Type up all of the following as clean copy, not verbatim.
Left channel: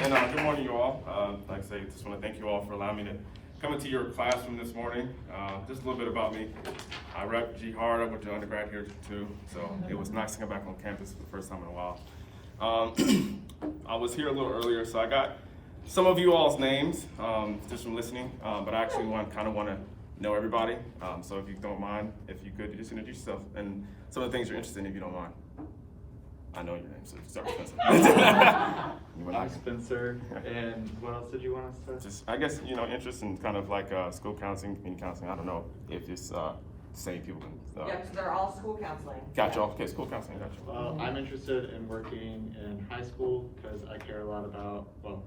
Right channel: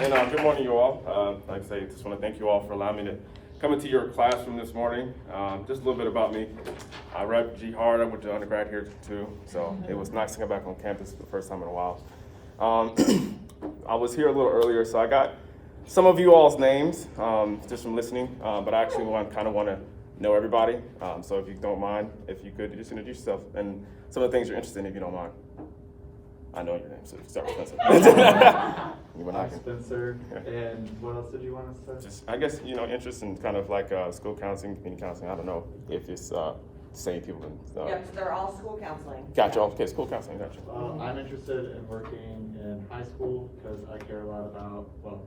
And good morning, you all. Like I say, just want to thank you all for allowing me to come into your classroom this morning. Just a little bit about me. I rep G Hard. I went to undergrad here too, so it was nice to come back on campus for the first time in a while. I was here a little earlier, so I got some of you all's names just from listening, but I actually kind of want to know everybody. So if you don't mind, if you could just introduce yourself and some of the things you're interested in, if you don't mind. I know your name, so start with Spencer. You and I can. Spencer, and what else did you want us to? Just, I guess, interest in kind of like school counseling, community counseling. I don't know if it's the same people. Yeah, because they're all school counseling. Gotcha. Okay, school counseling. Gotcha. I'm interested in working in high school because I care a lot about, well,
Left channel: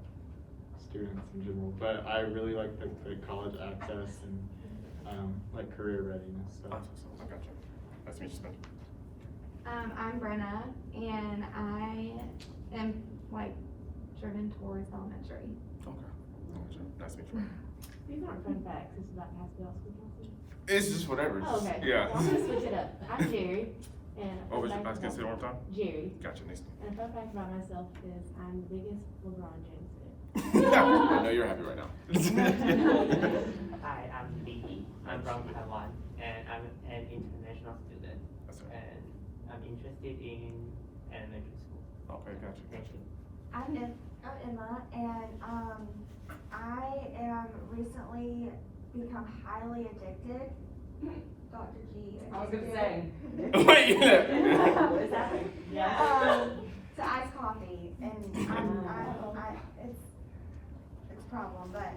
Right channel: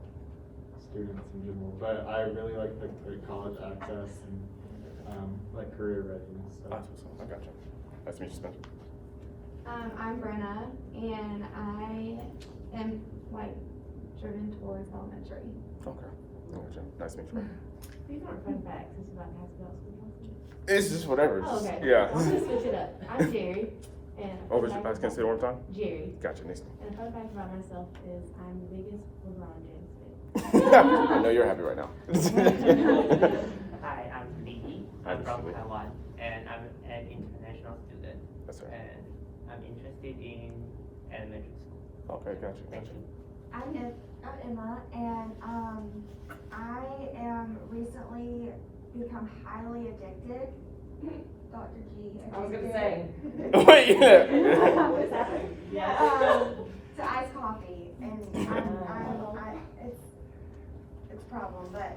students in general, but I really like the college access and like career readiness. So. I gotcha. Nice to meet you, Spencer. I'm Brenna, and I am driven towards elementary. Okay. Gotcha. Nice to meet you. These aren't fun facts. This is about how to spell school counseling. It's just whatever. It's Oh, just, okay. yeah. I'm gonna switch it up. I'm Jerry. And What was your, I can say it one more time? Jerry. Gotcha. Nice. And a fun fact about myself is I'm the biggest LeBron James I know you're happy right now. Hi, I'm Lee. I'm from Taiwan, and I'm an international student. That's right. And I'm interested in elementary school. Okay, gotcha. I'm Emma, and I am recently become highly addicted. Dr. G. I was gonna say. Wait, What is happening? Yeah. To iced coffee, and it's a problem, but.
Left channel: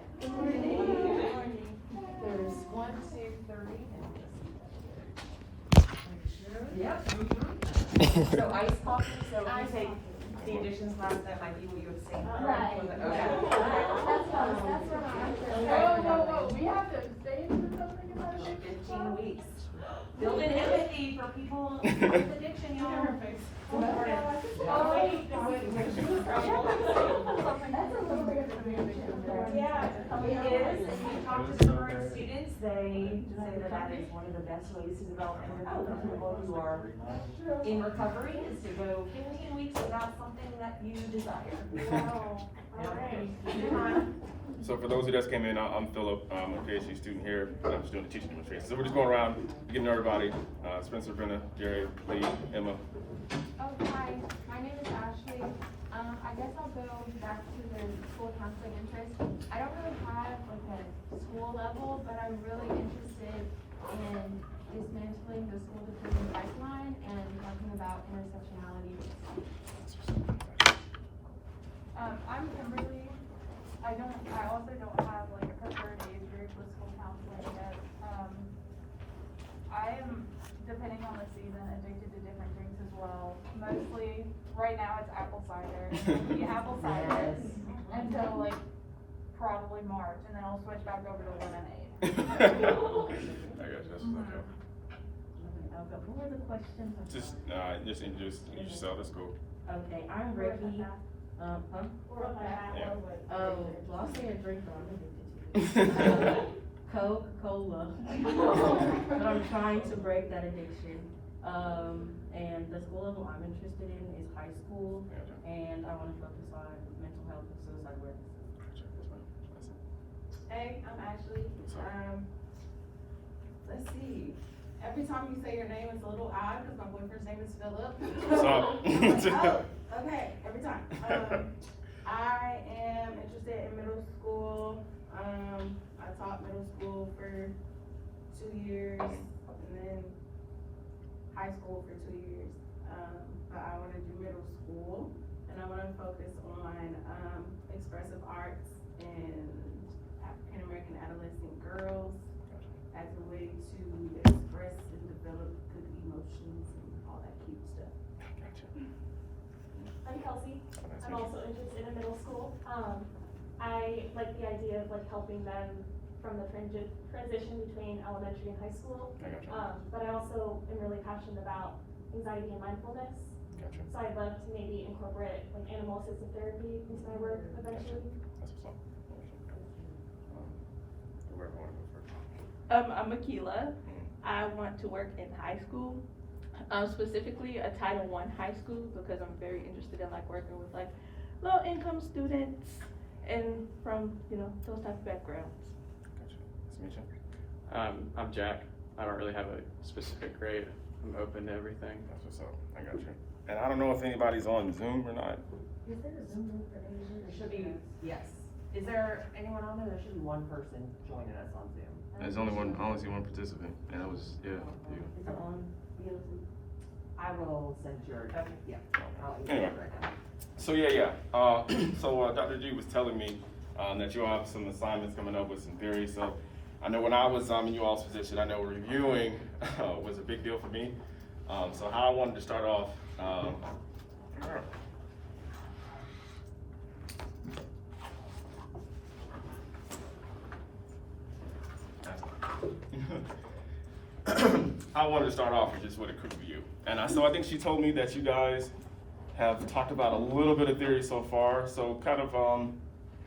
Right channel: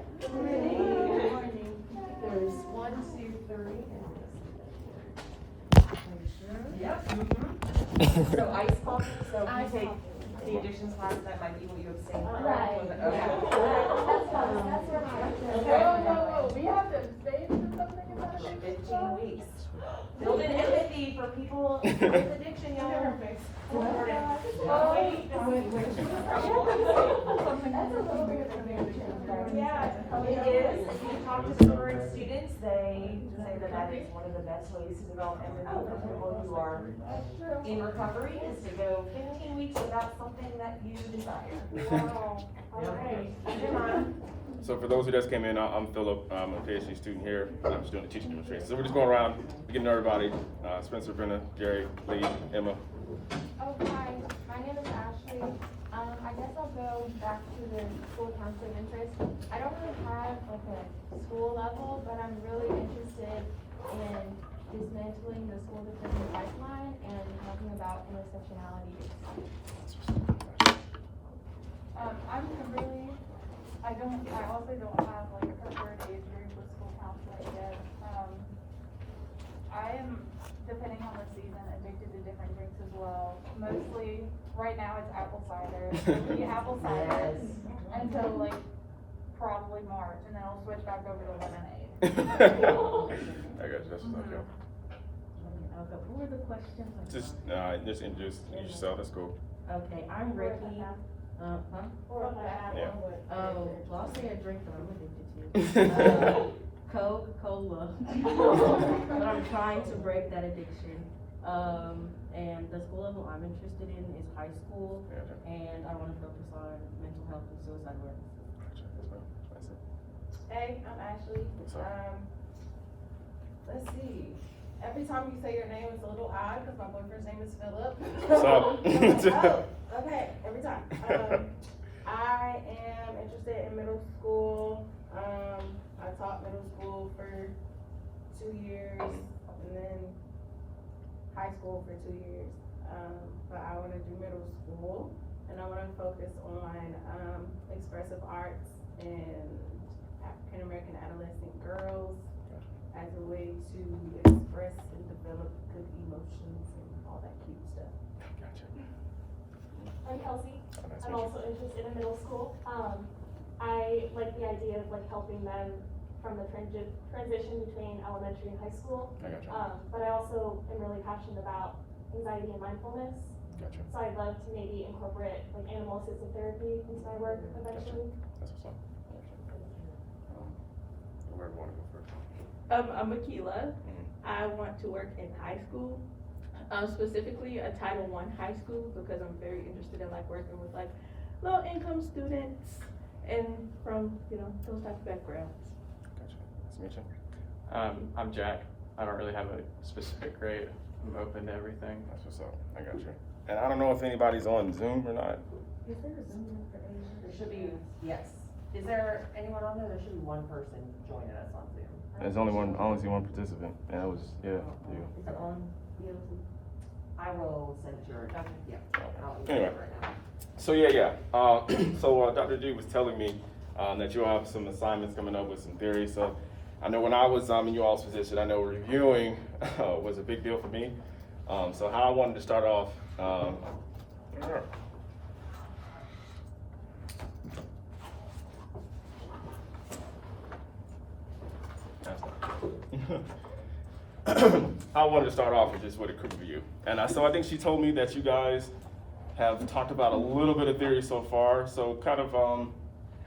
There's 1, 2, 3. Yep. So ice coffee, so if you take the additions class, that might be what you would say. Right. Okay. We have to say something about it. 15 weeks. Building empathy for people with addiction, y'all. That's a little bit of addiction. Yeah, it is. If you talk to the current students, they say that that is one of the best ways to develop empathy with people who are in recovery, is to go 15 weeks without something that you desire. Wow. All right. So for those who just came in, I'm Philip. I'm a PhD student here. I'm just doing the teaching demonstration. So we're just going around, getting to know everybody. Spencer, Brenna, Gary, Lee, Emma. Oh, hi. My name is Ashley. I guess I'll go back to the school counseling interest. I don't really have a school level, but I'm really interested in dismantling the school defending pipeline and talking about intersectionality. I'm Kimberly. I also don't have a preferred age group with school counseling yet. I am, depending on the season, addicted to different drinks as well. Mostly, right now it's apple cider. We apple cider until probably March, and then I'll switch back over to lemonade. I got you. That's what's up, yo. What were the questions? Just introduce yourself. That's cool. Okay, I'm Ricky. Yeah. Oh, well, I'll say a drink that I'm addicted to. Coca-Cola. But I'm trying to break that addiction. And the school level I'm interested in is high school, and I want to focus on mental health and suicide awareness. Hey, I'm Ashley. Let's see. Every time you say your name, it's a little odd because my boyfriend's name is Philip. What's up? Okay, every time. I am interested in middle school. I taught middle school for 2 years, and then high school for 2 years. But I want to do middle school, and I want to focus on expressive arts and African American adolescent girls as a way to express and develop good emotions and all that cute stuff. Gotcha. I'm Kelsey. Oh, nice to I'm meet also interested in middle school. I like the idea of helping them from the transition between elementary and high school. I gotcha. But I also am really passionate about anxiety and mindfulness. Gotcha. So I'd love to maybe incorporate animal assisted therapy into my work eventually. That's what's up. Where do you want to go first? I'm Akila. I want to work in high school, specifically a Title I high school, because I'm very interested in working with low-income students and from, you know, those type of backgrounds. Gotcha. Nice to meet you. I'm Jack. I don't really have a specific grade. I'm open to everything. That's what's up. I got you. And I don't know if anybody's on Zoom or not. Is there a Zoom group for Asia? There should be, yes. Is there anyone on there? There should be one person joining us on Zoom. There's only one, I only see one participant, and it was, yeah, you. Is it on BLT? I will send your, okay, yeah. I'll email Anyway. it right now. So so Dr. G was telling me that you'll have some assignments coming up with some theory. So I know when I was in you all's position, I know reviewing was a big deal for me. So how I wanted to start off, sure. I wanted to start off with just what it could be you. And so I think she told me that you guys have talked about a little bit of theory so far. So kind of, I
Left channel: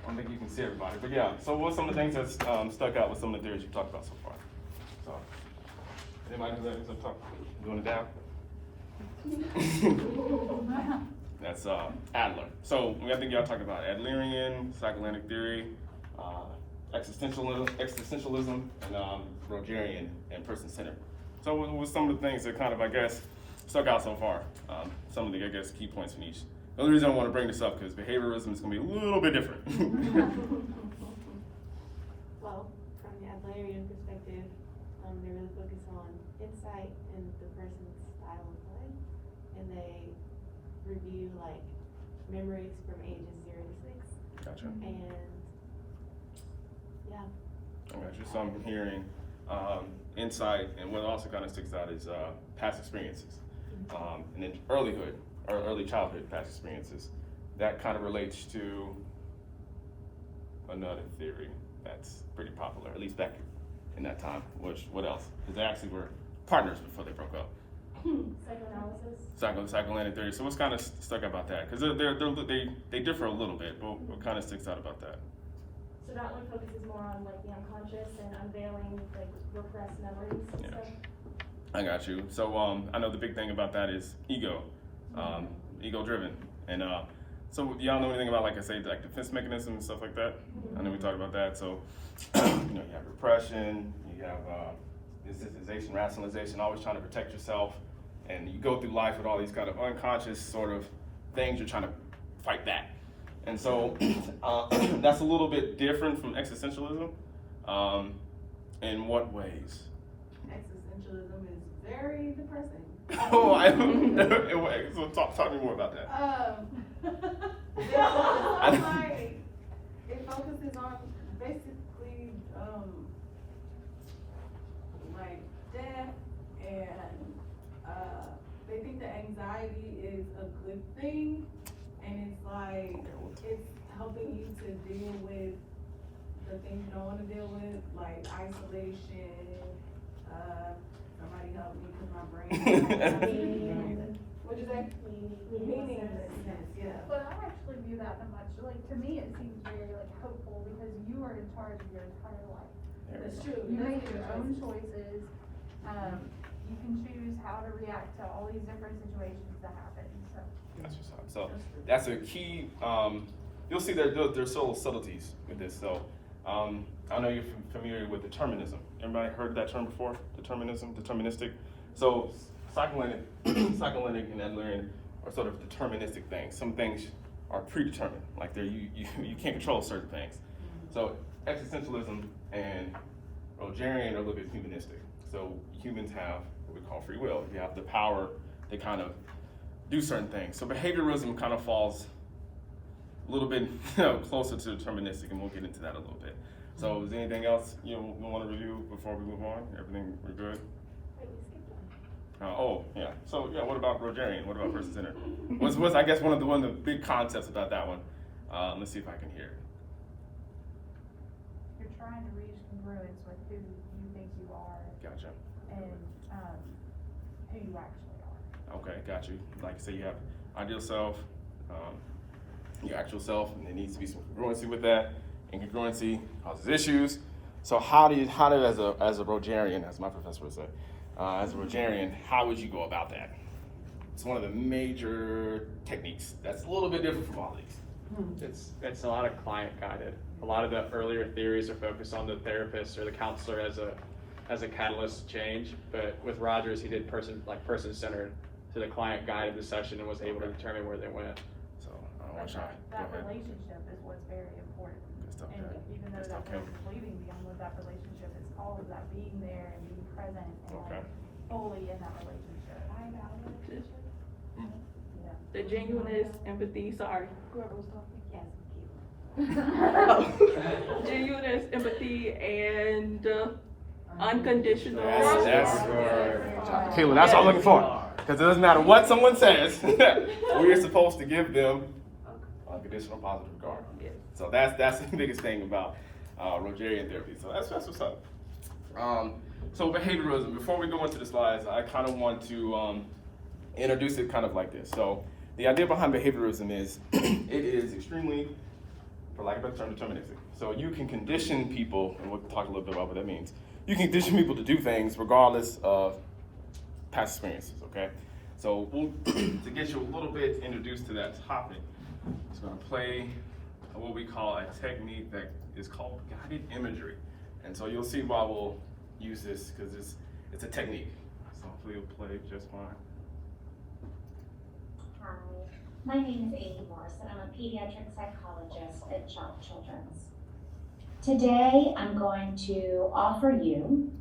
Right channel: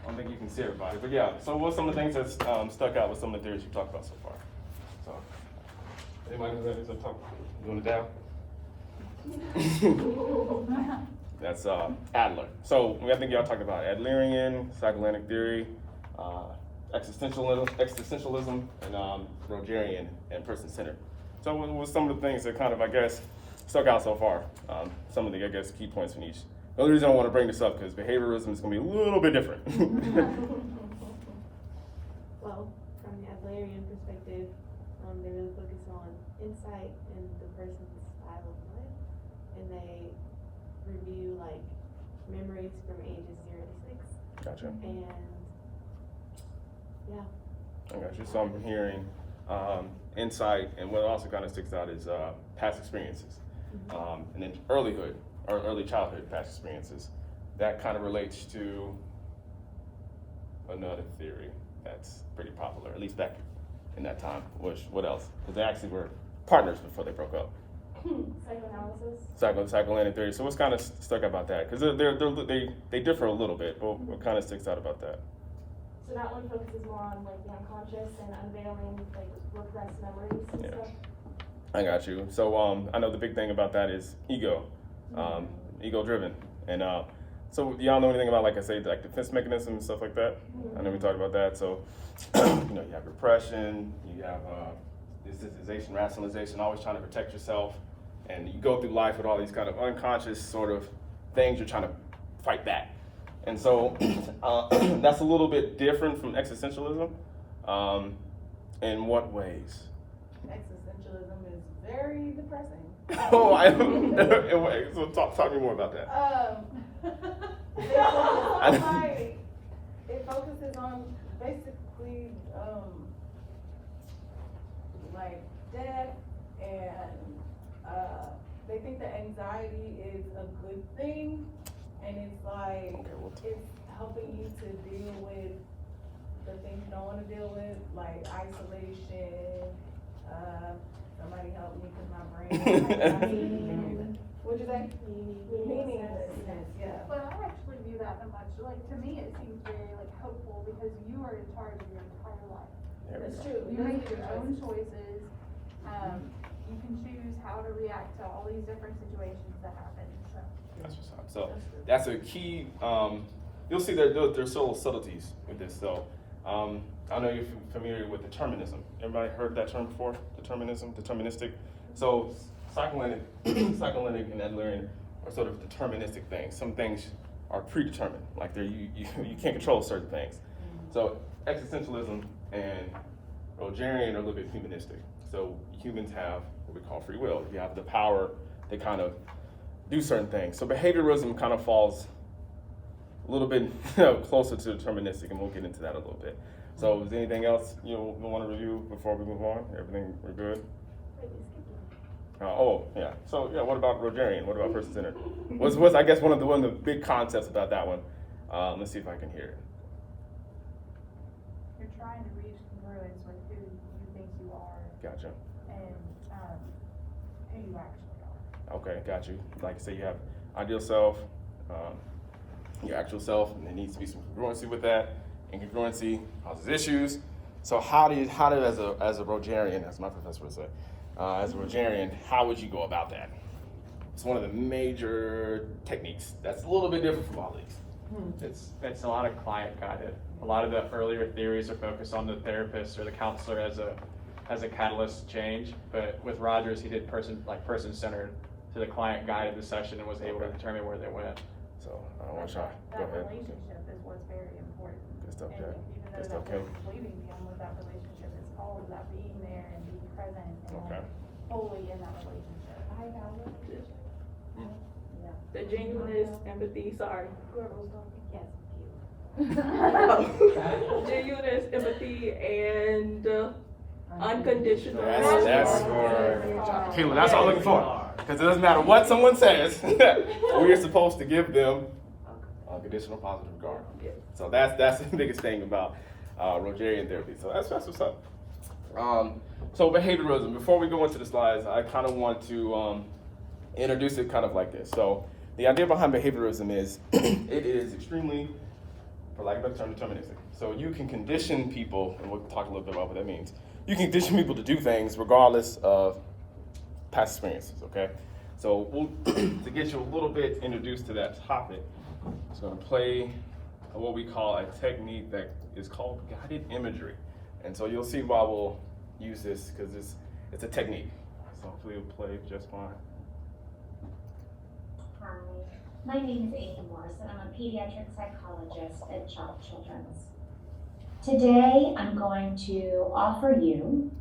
don't think you can see everybody, but yeah. So what's some of the things that stuck out with some of the theories you've talked about so far? So, anybody know that is up top? Doing it down? That's Adler. So I think y'all talked about Adlerian, psychoanalytic theory, existentialism, and Rogerian and person-centered. So what was some of the things that kind of, I guess, stuck out so far? Some of the, I guess, key points from each. The only reason I want to bring this up because behavioralism is going to be a little bit different. Well, from the Adlerian perspective, they really focus on insight and the person's style of life, and they review like memories from ages 0 to 6. Gotcha. And yeah. I got you. So I'm hearing insight, and what also kind of sticks out is past experiences, and then earlyhood or early childhood past experiences. That kind of relates to another theory that's pretty popular, at least back in that time. What else? Because they actually were partners before they broke up. Psychoanalysis. Psychoanalytic theory. So what's kind of stuck about that? Because they differ a little bit, but what kind of sticks out about that? So that one focuses more on like the unconscious and unveiling like repressed memories and Yeah. stuff. I got you. So I know the big thing about that is ego, ego driven. And so y'all know anything about, like I say, like defense mechanisms and stuff like that? I know we talked about that. So you know, you have repression, you have desensitization, rationalization, always trying to protect yourself, and you go through life with all these kind of unconscious sort of things you're trying to fight back. And so that's a little bit different from existentialism. In what ways? Existentialism is very depressing. Oh, so talk to me more about that. It focuses on basically like death, and they think that anxiety is a good thing, and it's like it's helping you to deal with the things you don't want to deal with, like isolation. Somebody help me because my brain. What'd you say? Meaninglessness. Yeah. But I actually view that much, like, to me, it seems very, like, hopeful, because you are in charge of your entire life. That's true. You make your own choices, you can choose how to react to all these different situations that happen, so. That's what's up. So that's a key. You'll see there's subtle subtleties with this. So I know you're familiar with determinism. Everybody heard that term before? Determinism, deterministic. So psychoanalytic and Adlerian are sort of deterministic things. Some things are predetermined, like you can't control certain things. So existentialism and Rogerian are a little bit humanistic. So humans have what we call free will. You have the power to kind of do certain things. So behavioralism kind of falls a little bit closer to deterministic, and we'll get into that a little bit. So is there anything else we want to review before we move on? Everything we're good? Yeah. So yeah, what about Rogerian? What about person-centered? What's I guess one of the big concepts about that one? Let's see if I can hear it. You're trying to reach congruence with who you think you are. Gotcha. And, who you actually are. Okay, got you. Like I say, you have ideal self, your actual self, and there needs to be some congruency with that. Incongruency causes issues. So how do as a Rogerian, as my professor would say, as a Rogerian, how would you go about that? It's one of the major techniques that's a little bit different from all these. It's a lot of client guided. A lot of the earlier theories are focused on the therapist or the counselor as a catalyst to change. But with Rogers, he did person centered, so the client guided the session and was able to determine where they went. So I want to go That ahead. relationship is what's very important. Good stuff, And yeah. even Good though stuff, that Kim. person's leaving, beyond what that relationship is, all of that being there and being present and Okay. like fully in that relationship. The genuineness, empathy, sorry. Whoever was talking. Genuineness, empathy, and unconditional. That's Kayla, that's what I'm looking for. Because it doesn't matter what someone says, we are supposed to give them unconditional positive regard. So that's the biggest thing about Rogerian therapy. So that's what's up. So behavioralism. Before we go into the slides, I kind of want to introduce it kind of like this. So the idea behind behavioralism is it is extremely, for lack of a better term, deterministic. So you can condition people, and we'll talk a little bit about what that means. You can condition people to do things regardless of past experiences, okay? So we'll, to get you a little bit introduced to that topic, it's gonna play what we call a technique that is called guided imagery. And so you'll see why we'll use this, because it's a technique. So hopefully it'll play just fine. Hi, my name is Amy Morrison. I'm a pediatric psychologist at Child Children's. Today, I'm going to offer you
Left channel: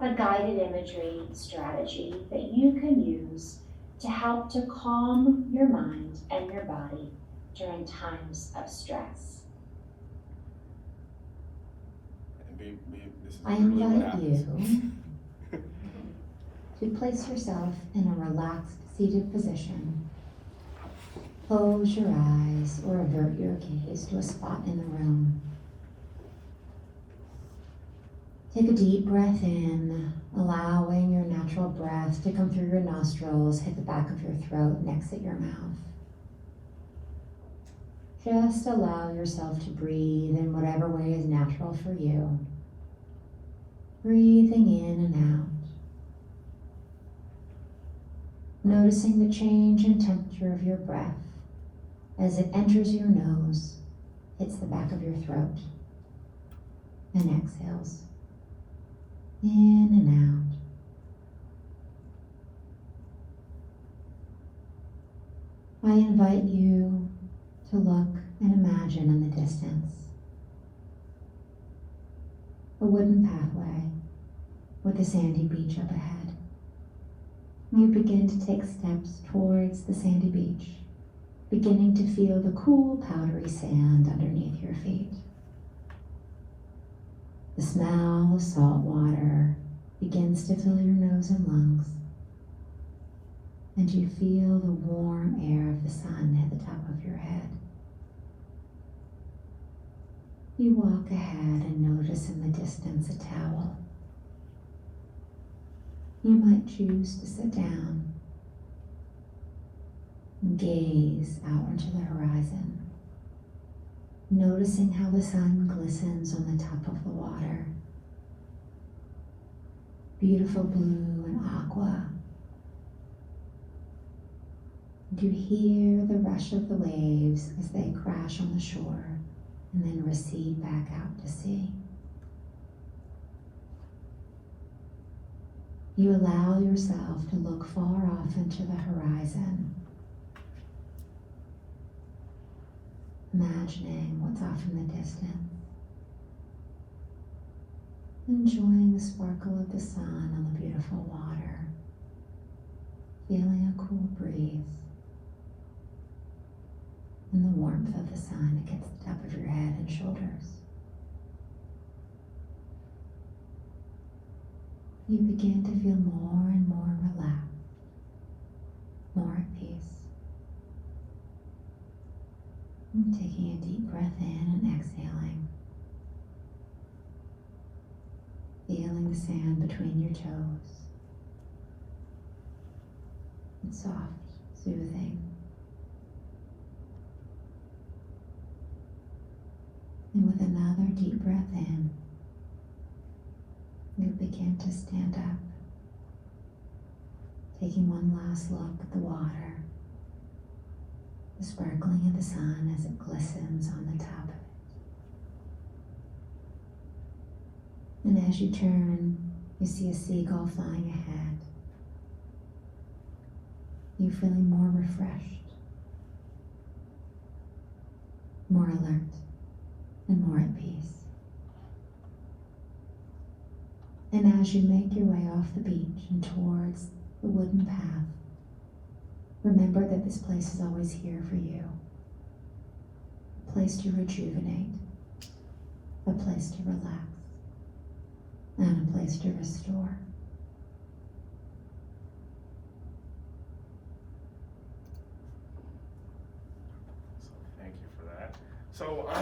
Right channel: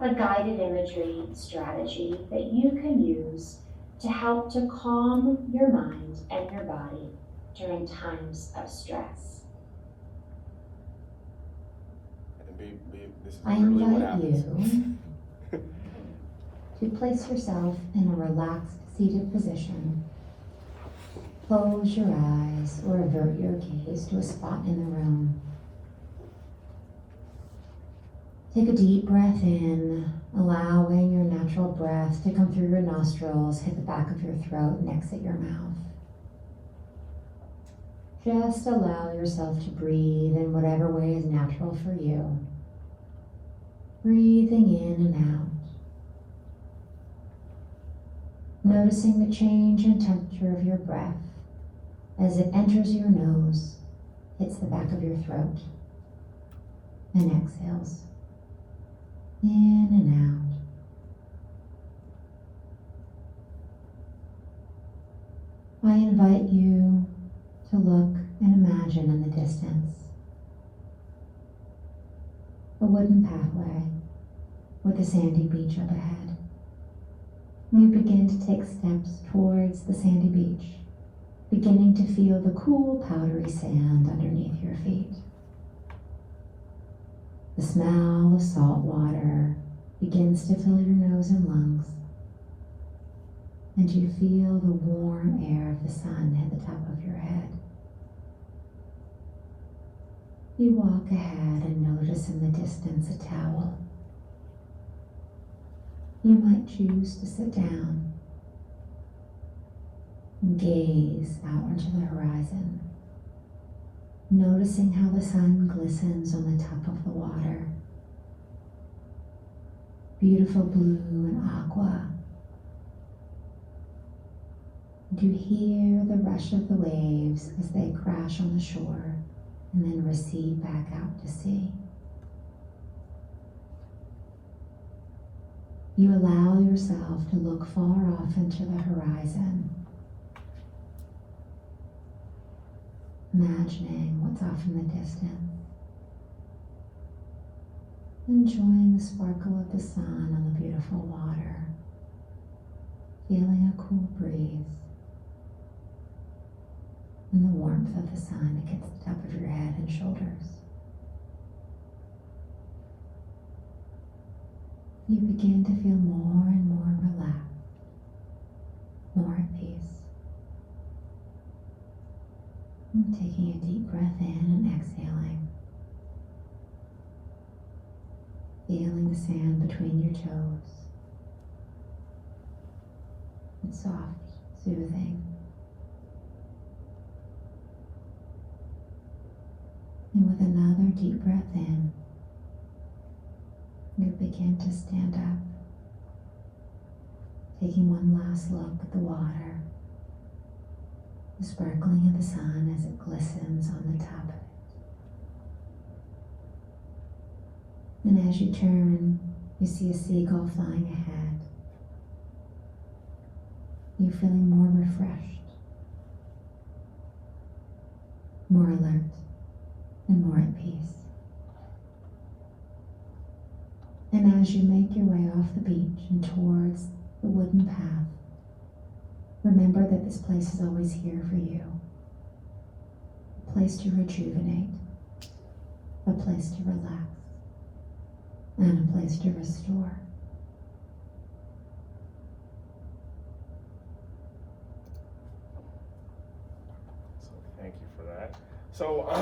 a guided imagery strategy that you can use to help to calm your mind and your body during times of stress. And this is I literally what invite happens. you to place yourself in a relaxed seated position. Close your eyes or avert your gaze to a spot in the room. Take a deep breath in, allowing your natural breath to come through your nostrils, hit the back of your throat, and exit your mouth. Just allow yourself to breathe in whatever way is natural for you. Breathing in and out. Noticing the change in temperature of your breath as it enters your nose, hits the back of your throat, and exhales. In and out. I invite you to look and imagine in the distance a wooden pathway with a sandy beach up ahead. You begin to take steps towards the sandy beach, beginning to feel the cool, powdery sand underneath your feet. The smell of salt water begins to fill your nose and lungs, and you feel the warm air of the sun hit the top of your head. You walk ahead and notice in the distance a towel. You might choose to sit down and gaze out into the horizon, noticing how the sun glistens on the top of the water. Beautiful blue and aqua. And you hear the rush of the waves as they crash on the shore and then recede back out to sea. You allow yourself to look far off into the horizon, imagining what's off in the distance, enjoying the sparkle of the sun on the beautiful water, feeling a cool breeze, and the warmth of the sun against the top of your head and shoulders. You begin to feel more and more relaxed, more at peace. And taking a deep breath in and exhaling. Feeling the sand between your toes. It's soft, soothing. And with another deep breath in, you begin to stand up, taking one last look at the water, the sparkling of the sun as it glitters glistens on the top of it. And as you turn, you see a seagull flying ahead. You're feeling more refreshed, more alert, and more at peace. And as you make your way off the beach and towards the wooden path, remember that this place is always here for you. A place to rejuvenate, a place to relax, and a place to restore. So thank you for that. So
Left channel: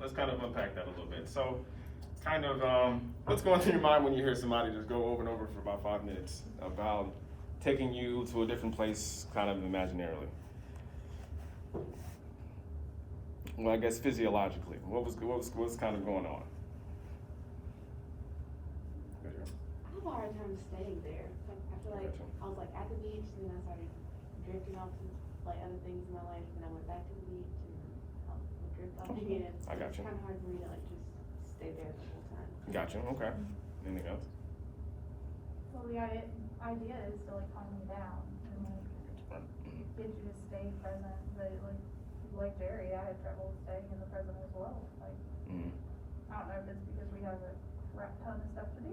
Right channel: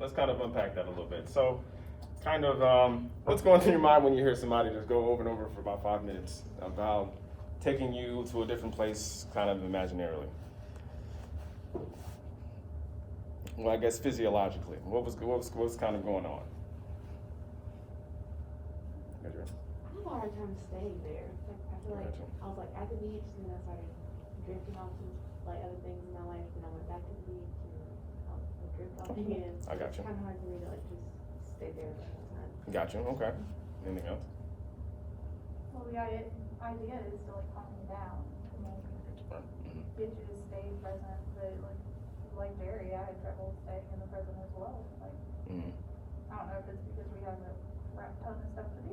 let's kind of unpack that a little bit. So kind of what's going through your mind when you hear somebody just go over and over for about 5 minutes about taking you to a different place kind of imaginarily? Well, I guess physiologically, what was kind of going on? I have a hard time staying there. Like, I feel like I was like at the beach, and then I started drifting off to like other things in my life, and I went back to the beach, and I drifted off again. I got you. It's kind of hard for me to like just stay there the whole time. Got you. Okay. Anything else? Well, the idea is to like calm you down and like get you to stay present. But like Jerry, I had trouble staying in the present as well. Like, I don't know if it's because we have a crap ton of stuff to do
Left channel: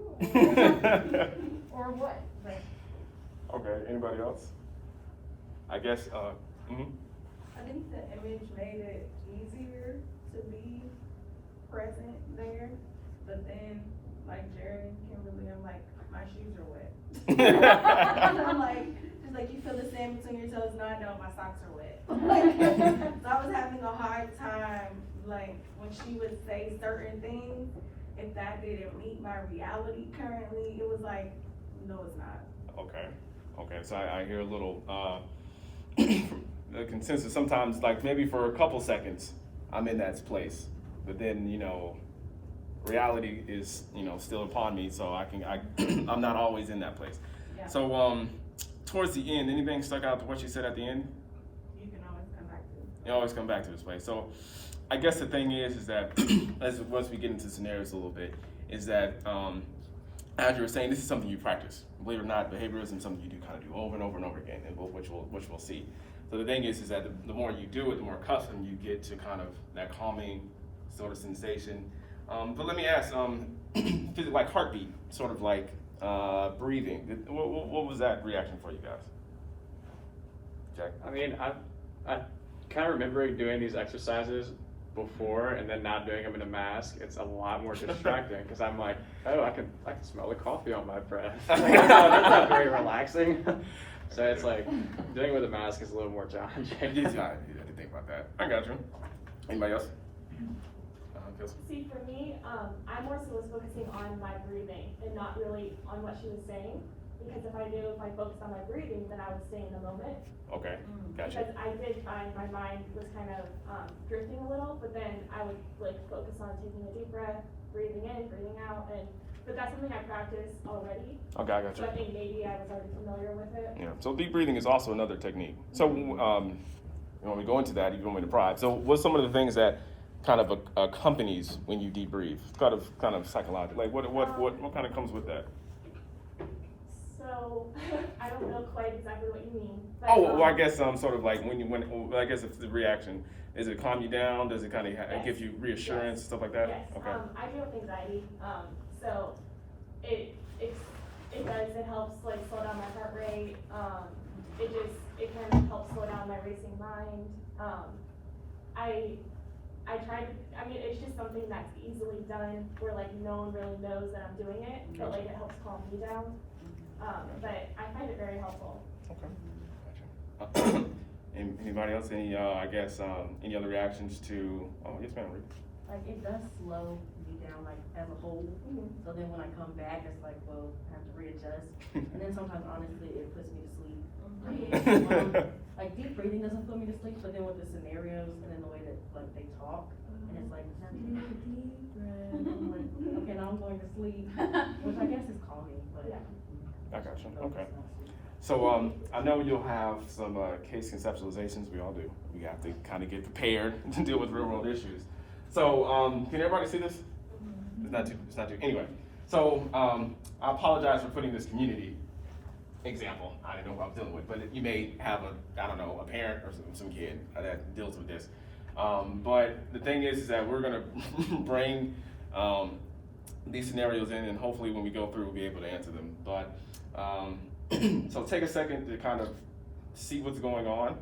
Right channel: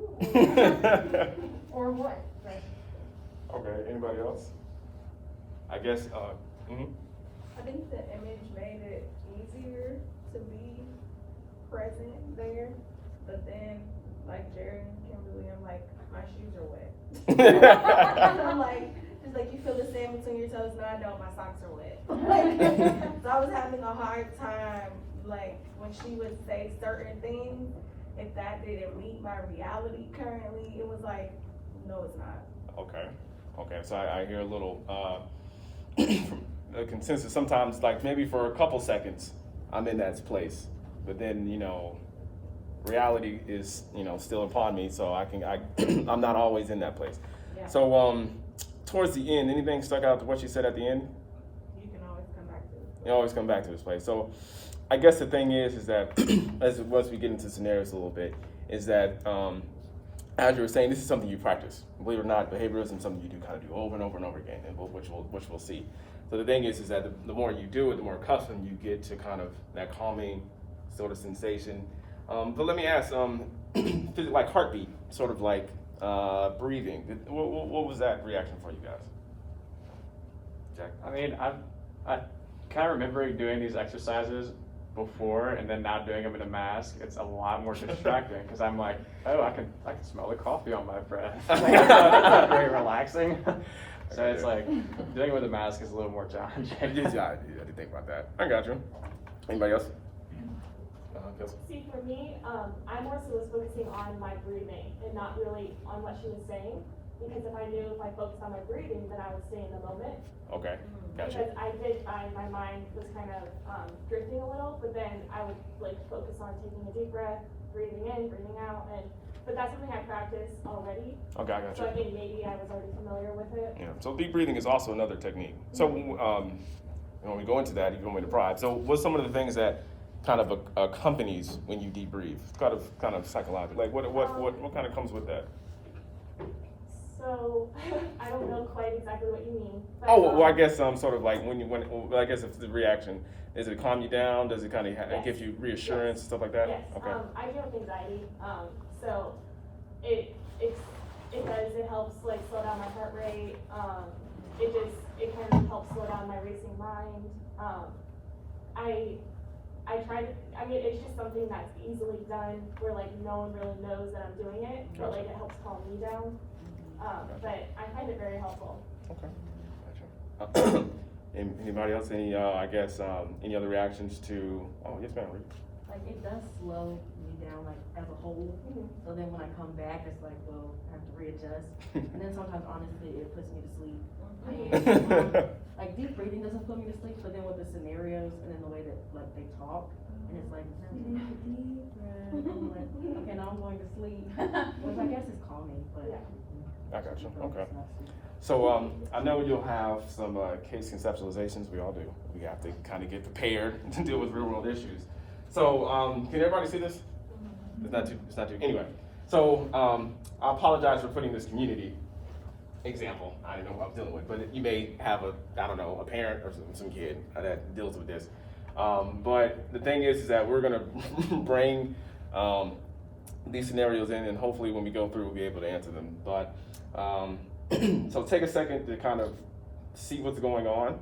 or what. But Okay. Anybody else? I guess. I think the image made it easier to be present there, but then, like Jerry and Kimberly, I'm like, my shoes are wet. I'm like, it's like you feel the sand between your toes. No, I don't. My socks are wet. So I was having a hard time, like when she would say certain things, if that didn't meet my reality currently, it was like, no, it's not. Okay. Okay. So I hear a little the consensus. Sometimes, like maybe for a couple seconds, I'm in that place, but then reality is still upon me, so I'm not always in that place. Yeah. So towards the end, anything stuck out to what she said at the end? You can always come back to it. You always come back to this place. So I guess the thing is that once we get into scenarios a little bit, is that as you were saying, this is something you practice. Believe it or not, behaviorism is something you do kind of do over and over and over again, and which we'll see. So the thing is that the more you do it, the more accustomed you get to kind of that calming sort of sensation. But let me ask, like heartbeat, sort of like breathing. What was that reaction for you guys? Jack? I mean, I kind of remembering doing these exercises before and then not doing them in a mask. It's a lot more distracting because I'm like, oh, I can smell the coffee on my breath. It's not very relaxing. So it's like doing it with a mask is a little more challenging. Yeah, I did think about that. I got you. Anybody else? See, for me, I more so was focusing on my breathing and not really on what she was saying. Because if I knew if I focused on my breathing, then I would stay in the moment. Okay, gotcha. Because I did find my mind was kind of drifting a little, but then I would like focus on taking a deep breath, breathing in, breathing out, but that's something I practiced already. Okay, I got you. So I think maybe I was already familiar with it. Yeah. So deep breathing is also another technique. So when we go into that, you don't want me to pry. So what's some of the things that kind of accompanies when you deep breathe? Kind of psychological. Like what kind of comes with that? So I don't know quite exactly what you mean. But, Oh, well, I guess sort of like I guess if the reaction, does it calm you down? Does it kind of give you reassurance, stuff like that? Yes. Okay. I deal with anxiety. So it does. It helps like slow down my heart rate. It kind of helps slow down my racing mind. I tried. I mean, it's just something that's easily done where like no one really knows that I'm doing it, but like it helps calm me down. But I find it very helpful. Okay. Gotcha. Anybody else? Any any other reactions to? Oh, yes, ma'am. Like it does slow me down, like as a whole. So then when I come back, it's like, well, I have to readjust. And then sometimes, honestly, it puts me to sleep. Like deep breathing doesn't put me to sleep, but then with the scenarios and then the way that like they talk, and it's like deep breath. I'm like, okay, now I'm going to sleep, which I guess is calming, but. I got you. Okay. So I know you'll have some case conceptualizations. We all do. We have to kind of get prepared to deal with real world issues. So can everybody see this? It's not too. Anyway, so I apologize for putting this community example. I didn't know what I was dealing with, but you may have a parent or some kid that deals with this. But the thing is that we're gonna bring these scenarios in, and hopefully when we go through, we'll be able to answer them. But so take a second to kind of see what's going on,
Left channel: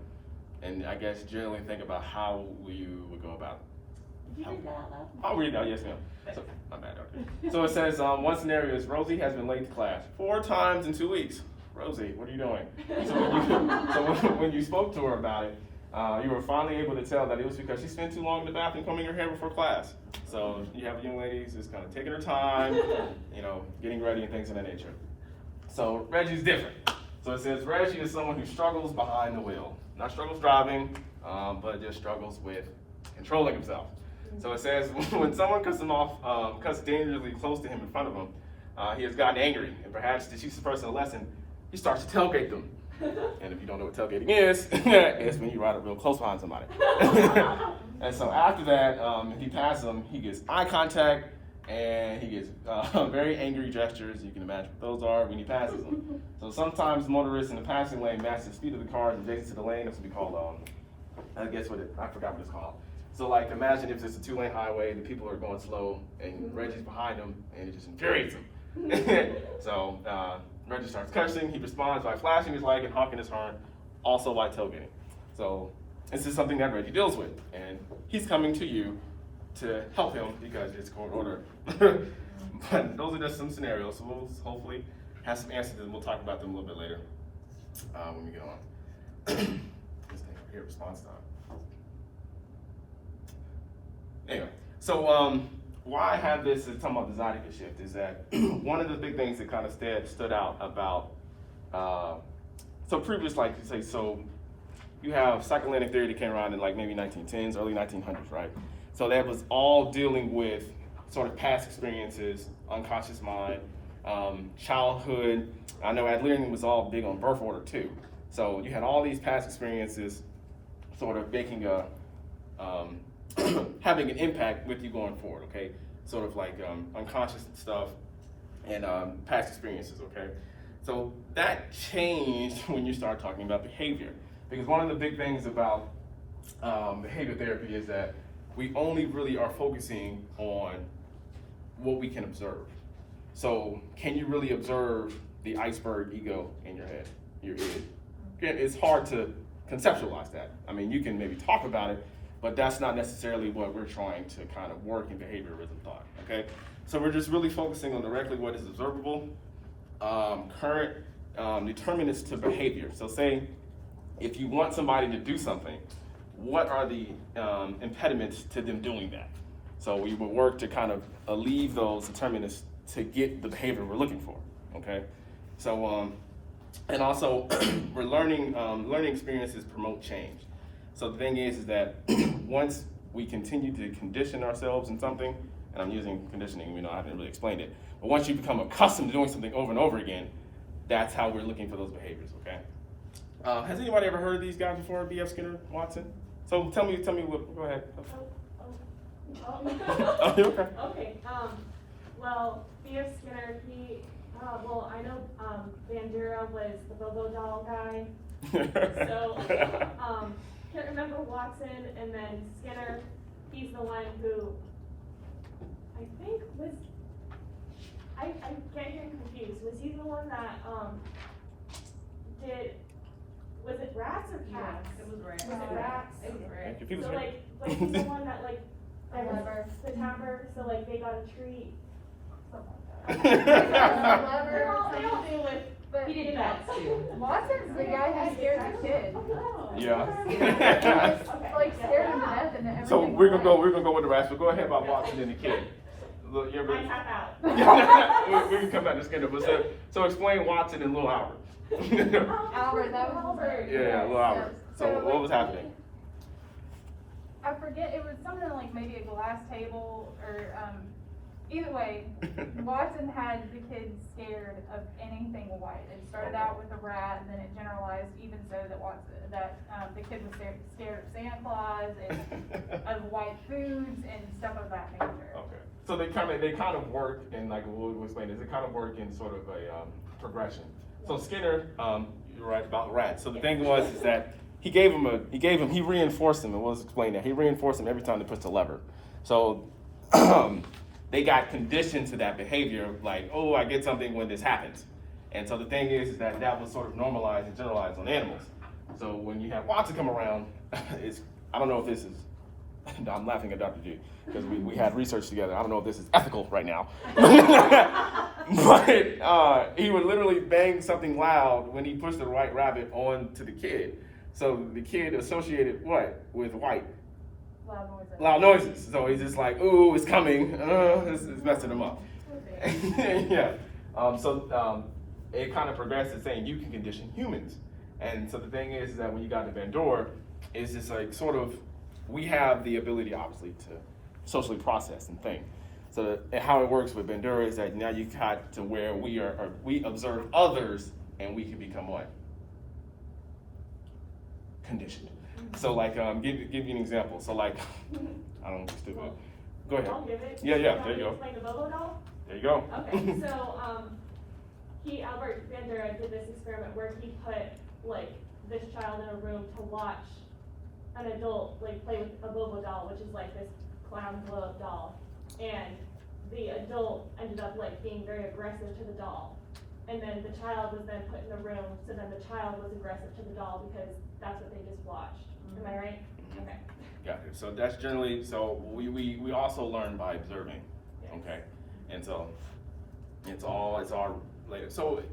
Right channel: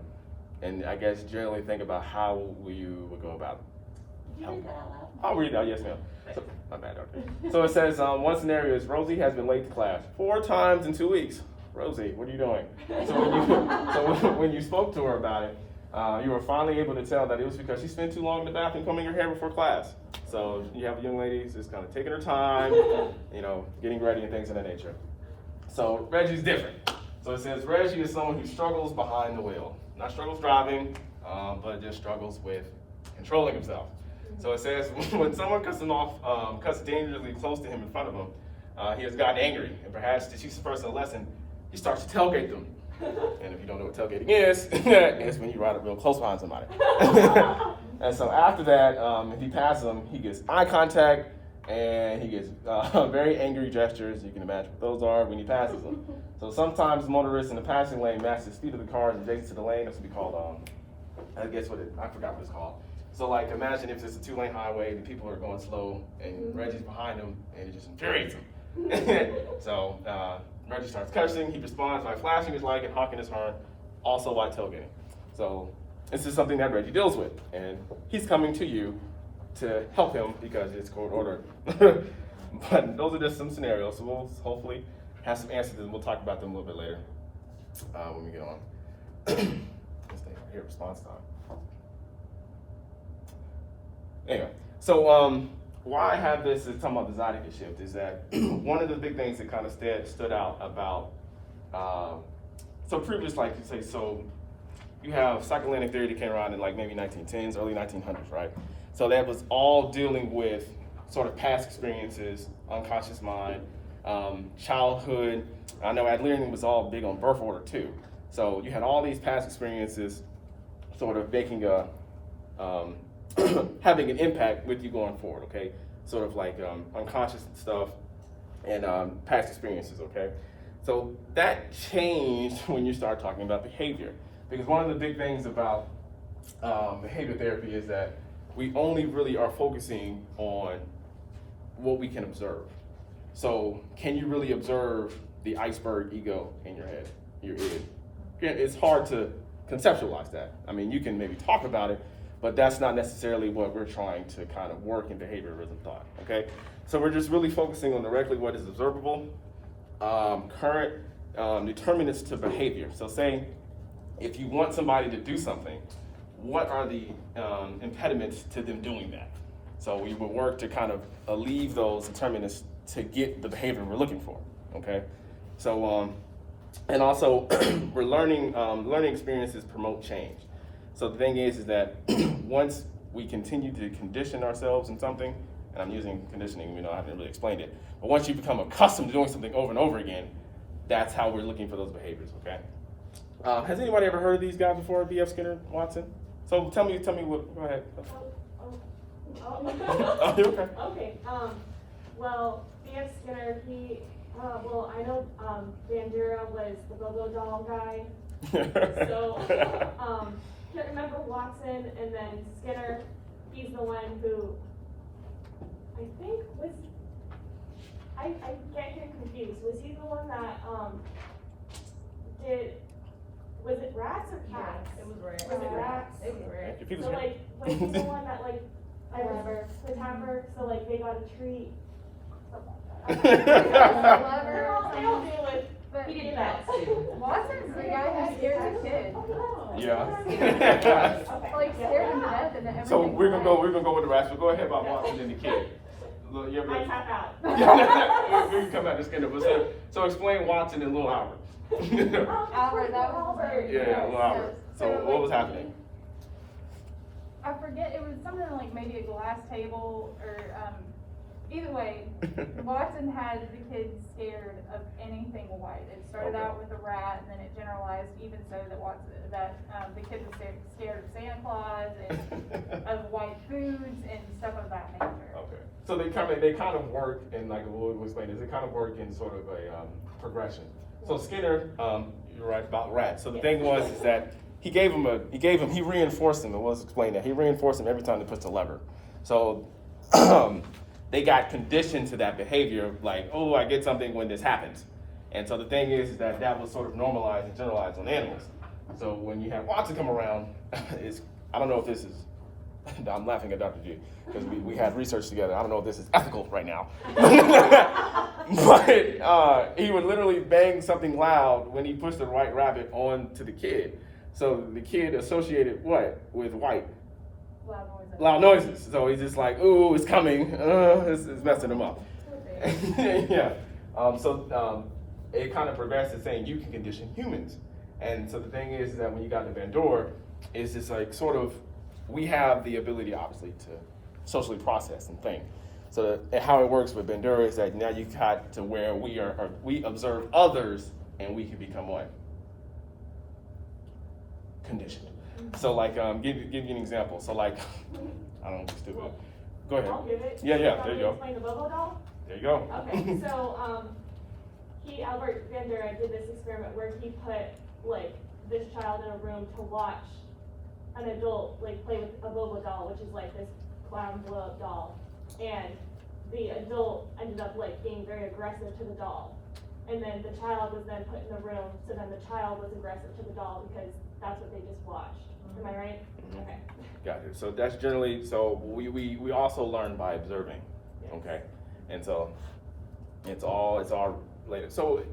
and I guess generally think about how you would go about it. Did you read that out loud? I'll read it out, yes ma'am. So, my bad, okay. So it says, one scenario is Rosie has been late to class 4 times in 2 weeks. Rosie, what are you doing? So when you spoke to her about it, you were finally able to tell that it was because she spent too long in the bathroom combing her hair before class. So you have young ladies just kind of taking her time, getting ready and things of that nature. So Reggie's different. So it says Reggie is someone who struggles behind the wheel. Not struggles driving, but just struggles with controlling himself. So it says when someone cuts dangerously close to him in front of him, he has gotten angry, and perhaps to teach the person a lesson, he starts to tailgate them. And if you don't know what tailgating is, it's when you ride up real close behind somebody. And so after that, he passes them, he gets eye contact, and he gets very angry gestures. You can imagine what those are when he passes them. So sometimes motorists in the passing lane match the speed of the cars adjacent to the lane. That's what we call, I forgot what it's called. So like imagine if it's a 2-lane highway, the people are going slow, and Reggie's behind them, and it just infuriates him. So Reggie starts cursing. He responds by flashing his light and honking his horn, also while tailgating. So this is something that Reggie deals with, and he's coming to you to help him because it's court order. But those are just some scenarios. So we'll hopefully have some answers, and we'll talk about them a little bit later when we get on. This thing right here, response time. Anyway, so why I have this is talking about the Zydeco shift is that one of the big things that kind of stood out about, so previous, like you say, so you have psychoanalytic theory that came around in like maybe 1910s, early 1900s, right? So that was all dealing with sort of past experiences, unconscious mind, childhood. I know Adlerian was all big on birth order too. So you had all these past experiences sort of making a, having an impact with you going forward, okay? Sort of like unconscious stuff and past experiences, okay? So that changed when you start talking about behavior. Because one of the big things about behavior therapy is that we only really are focusing on what we can observe. So can you really observe the iceberg ego in your head, your id? It's hard to conceptualize that. I mean, you can maybe talk about it, but that's not necessarily what we're trying to kind of work in behaviorism thought, okay? So we're just really focusing on directly what is observable, current determinants to behavior. So say, if you want somebody to do something, what are the impediments to them doing that? So we would work to kind of alleviate those determinants to get the behavior we're looking for, okay? So, and also, we're learning experiences promote change. So the thing is that once we continue to condition ourselves in something, and I'm using conditioning, I haven't really explained it, but once you become accustomed to doing something over and over again, that's how we're looking for those behaviors, okay? Has anybody ever heard of these guys before, B.F. Skinner, Watson? So tell me what, go ahead. Okay. Okay, well, B.F. Skinner, I know, Bandura was the Bobo doll guy. So, can't remember Watson, and then Skinner, he's the one who, I think was, I get him confused. Was he the one that, was it rats or cats? It was rats. Was it rats? It was rats. If he was So like he's the one that the tapper, so like they got a treat. They all deal with, But He did that too. Watson's the guy who scared the kid. Yeah. Like scared him to death and everything. So we're gonna go with the rats, but go ahead about Watson and the kid. Look, you're I tap out. we can come back to Skinner, but so explain Watson and Little Albert. Albert, that was Albert. Yeah, Little Albert. So what was happening? I forget, it was something like maybe a glass table or, either way, Watson had the kids scared of anything white. It started out with a rat, and then it generalized even so that the kid was scared of Santa Claus and of white foods and stuff of that nature. Okay. So they kind of work in, like Wood was explaining, they kind of work in sort of a progression. So Skinner, you're right about rats. So the thing was is that he reinforced him, and was explained that he reinforced him every time they pushed the lever. So they got conditioned to that behavior, like, oh, I get something when this happens. And so the thing is that that was sort of normalized and generalized on animals. So when you have Watson come around, I don't know if this is, I'm laughing at Dr. G, because we had research together. I don't know if this is ethical right now. But he would literally bang something loud when he pushed the white rabbit onto the kid. So the kid associated what with white? Loud noises. So he's just like, ooh, it's coming. It's messing him up. Yeah. It kind of progressed to saying you can condition humans. And so the thing is that when you got to Bandura, it's just like sort of, we have the ability obviously to socially process and think. So how it works with Bandura is that now you got to where we observe others and we can become what? Conditioned. So like, give you an example. So like, I don't want to be stupid. Go ahead. I'll give it. Yeah, there you go. Explain the Bobo doll? There you go. Okay, so, Albert Bandura did this experiment where he put, like, this child in a room to watch an adult, like, play with a Bobo doll, which is like this clown blow-up doll. And the adult ended up, like, being very aggressive to the doll. And then the child was then put in the room, so then the child was aggressive to the doll because that's what they just watched. Am I right? Okay. Got it. So that's generally, so we also learn by observing, okay? And so it's all related. So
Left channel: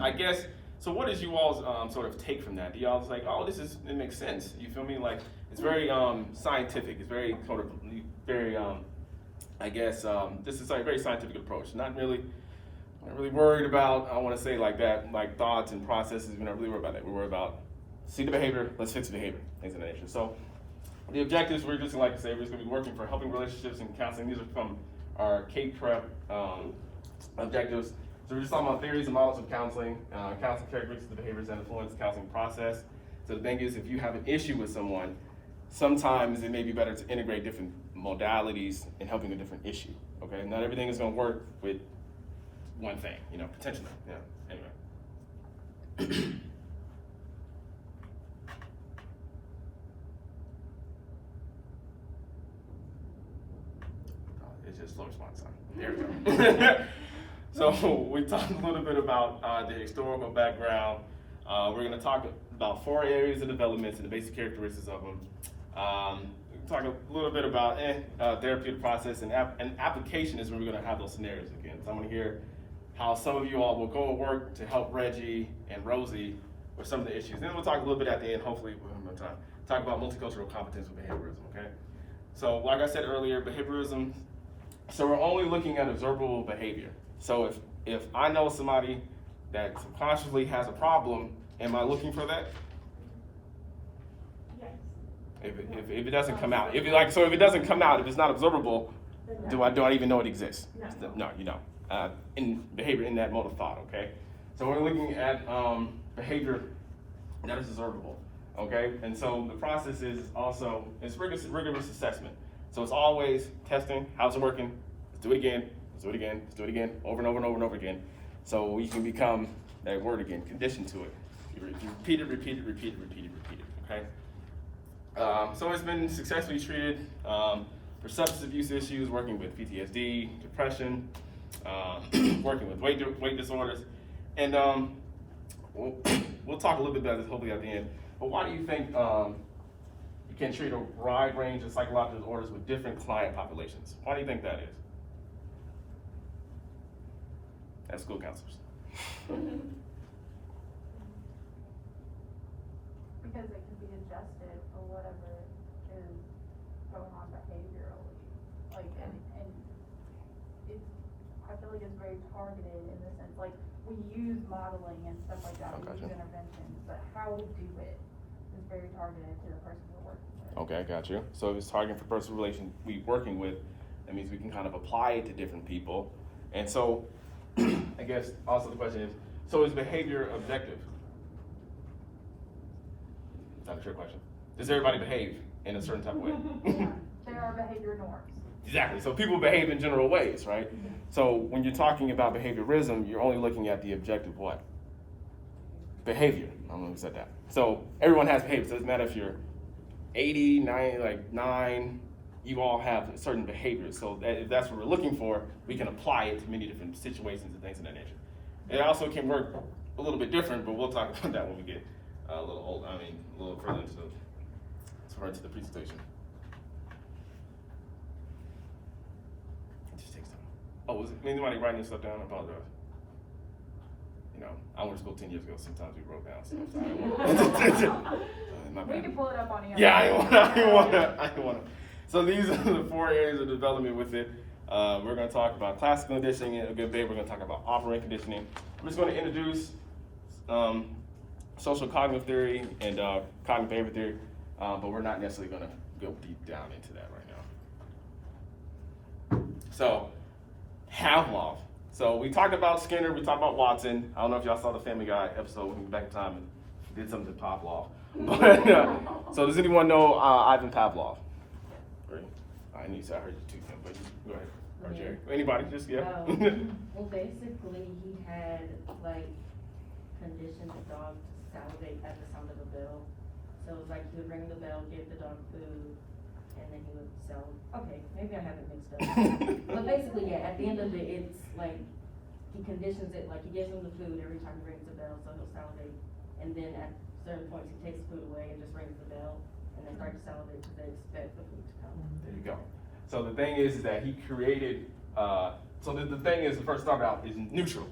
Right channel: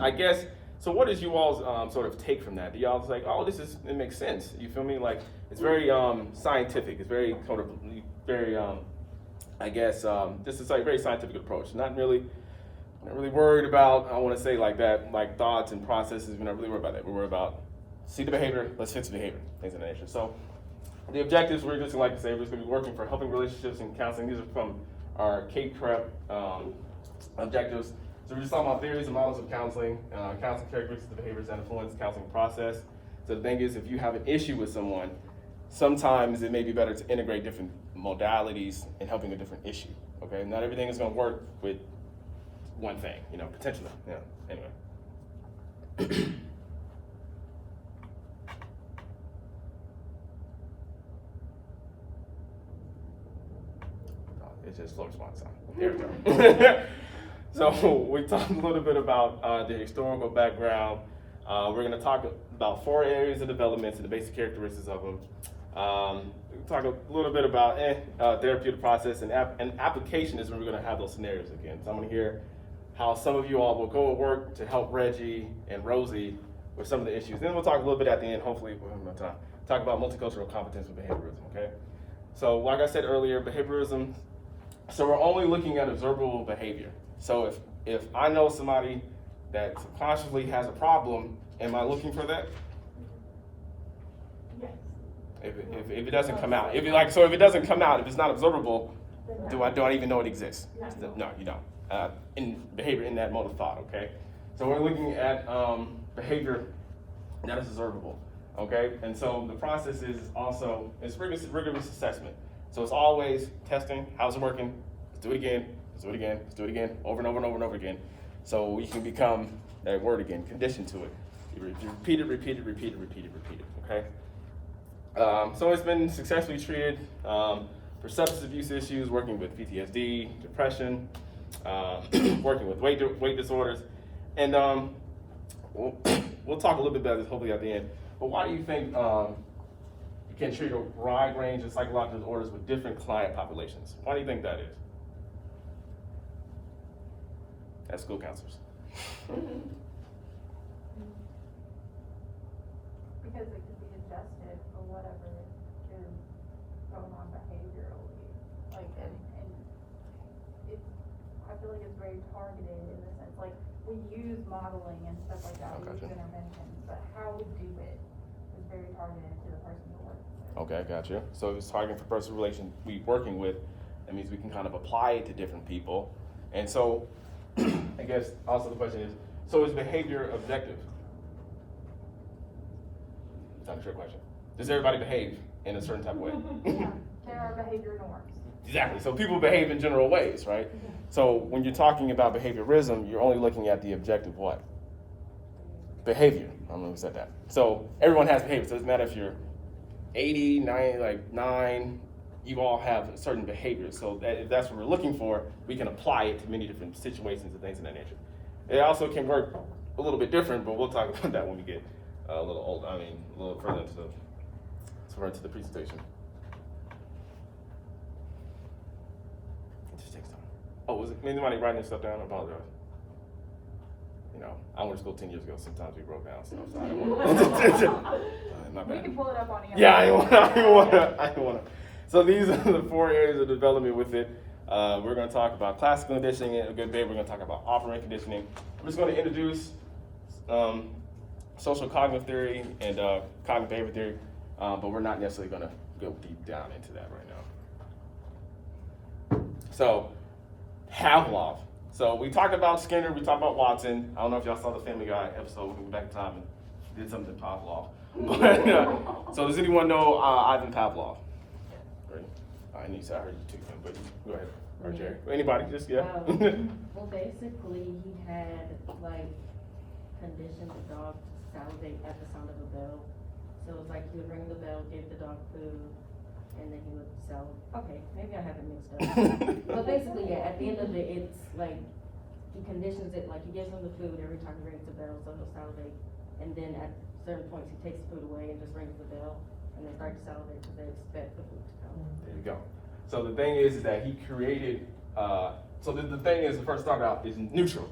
I guess, so what is you all's sort of take from that? Do y'all like, oh, it makes sense. You feel me? Like, it's very scientific. It's very sort of very, I guess, this is a very scientific approach. Not really worried about, I want to say like that, like thoughts and processes. We're not really worried about that. We're worried about, see the behavior, let's fix the behavior, things of that nature. So the objectives, we're just like to say, we're going to be working for helping relationships and counseling. These are from our K-Prep objectives. So we're just talking about theories and models of counseling, counseling characteristics of behaviors that influence the counseling process. So the thing is, if you have an issue with someone, sometimes it may be better to integrate different modalities in helping a different issue, okay? Not everything is going to work with one thing, potentially, anyway. It's just slow response time. There we go. So we talked a little bit about the historical background. We're going to talk about 4 areas of development and the basic characteristics of them. We'll talk a little bit about therapeutic process and application is where we're going to have those scenarios again. So I'm going to hear how some of you all will go and work to help Reggie and Rosie with some of the issues. Then we'll talk a little bit at the end, hopefully we'll have enough time, talk about multicultural competence with behaviorism, okay? So like I said earlier, behaviorism, so we're only looking at observable behavior. So if I know somebody that subconsciously has a problem, am I looking for that? Yes. If it doesn't come out, if it doesn't come out, if it's not observable, do I even know it exists? No, you don't. In behavior, in that mode of thought, okay? So we're looking at behavior that is observable, okay? And so the process is also, it's rigorous assessment. So it's always testing, how's it working? Let's do it again, let's do it again, let's do it again, over and over and over and over again. So we can become, that word again, conditioned to it. You repeat it, okay? So it's been successfully treated for substance abuse issues, working with PTSD, depression, working with weight disorders. And we'll talk a little bit about this hopefully at the end. But why do you think you can treat a wide range of psychological disorders with different client populations? Why do you think that is? As school counselors. Because it can be adjusted for whatever is going on behaviorally. Like, and it's, I feel like it's very targeted in the sense, like, we use modeling and stuff like that, we use interventions, but how we do it is very targeted to the person we're working with. Okay, I got you. So if it's targeting for personal relation we working with, That means we can kind of apply it to different people. And so, I guess also the question is, so is behavior objective? Not a trick question. Does everybody behave in a certain type of way? There are behavior norms. Exactly. So people behave in general ways, right? So when you're talking about behaviorism, you're only looking at the objective what? Behavior. I don't know who said that. So everyone has behavior. So it doesn't matter if you're 80, 90, like 9, you all have certain behaviors. So if that's what we're looking for, we can apply it to many different situations and things of that nature. It also can work a little bit different, but we'll talk about that when we get a little older. I mean, a little further into the presentation. It just takes time. Oh, was it anybody writing this stuff down? I apologize. You know, I went to school 10 years ago. Sometimes we wrote down stuff. So I didn't want my bad. We can pull it up on here. Yeah, I didn't want to. So these are the 4 areas of development with it. We're going to talk about classical conditioning a good bit. We're going to talk about operant conditioning. I'm just going to introduce social cognitive theory and cognitive behavior theory, but we're not necessarily going to go deep down into that right now. So, Pavlov. So we talked about Skinner, we talked about Watson. I don't know if y'all saw the Family Guy episode when we went back in time and did something to Pavlov. But, so does anyone know Ivan Pavlov? Great. I heard you too, Kim, but go ahead. Or Jerry. Anybody, just, yeah. Well, basically, he had, like, conditioned the dog to salivate at the sound of a bell. So it's like he would ring the bell, give the dog food, and then he would sell. Okay, maybe I haven't mixed up. But basically, yeah, at the end of it, it's like, he conditions it, like he gives him the food every time he rings the bell, so he'll salivate. And then at certain points, he takes the food away and just rings the bell, and they start to salivate because they expect the food to come. There you go. So the thing is that he created, so the thing is, the first start out is neutral.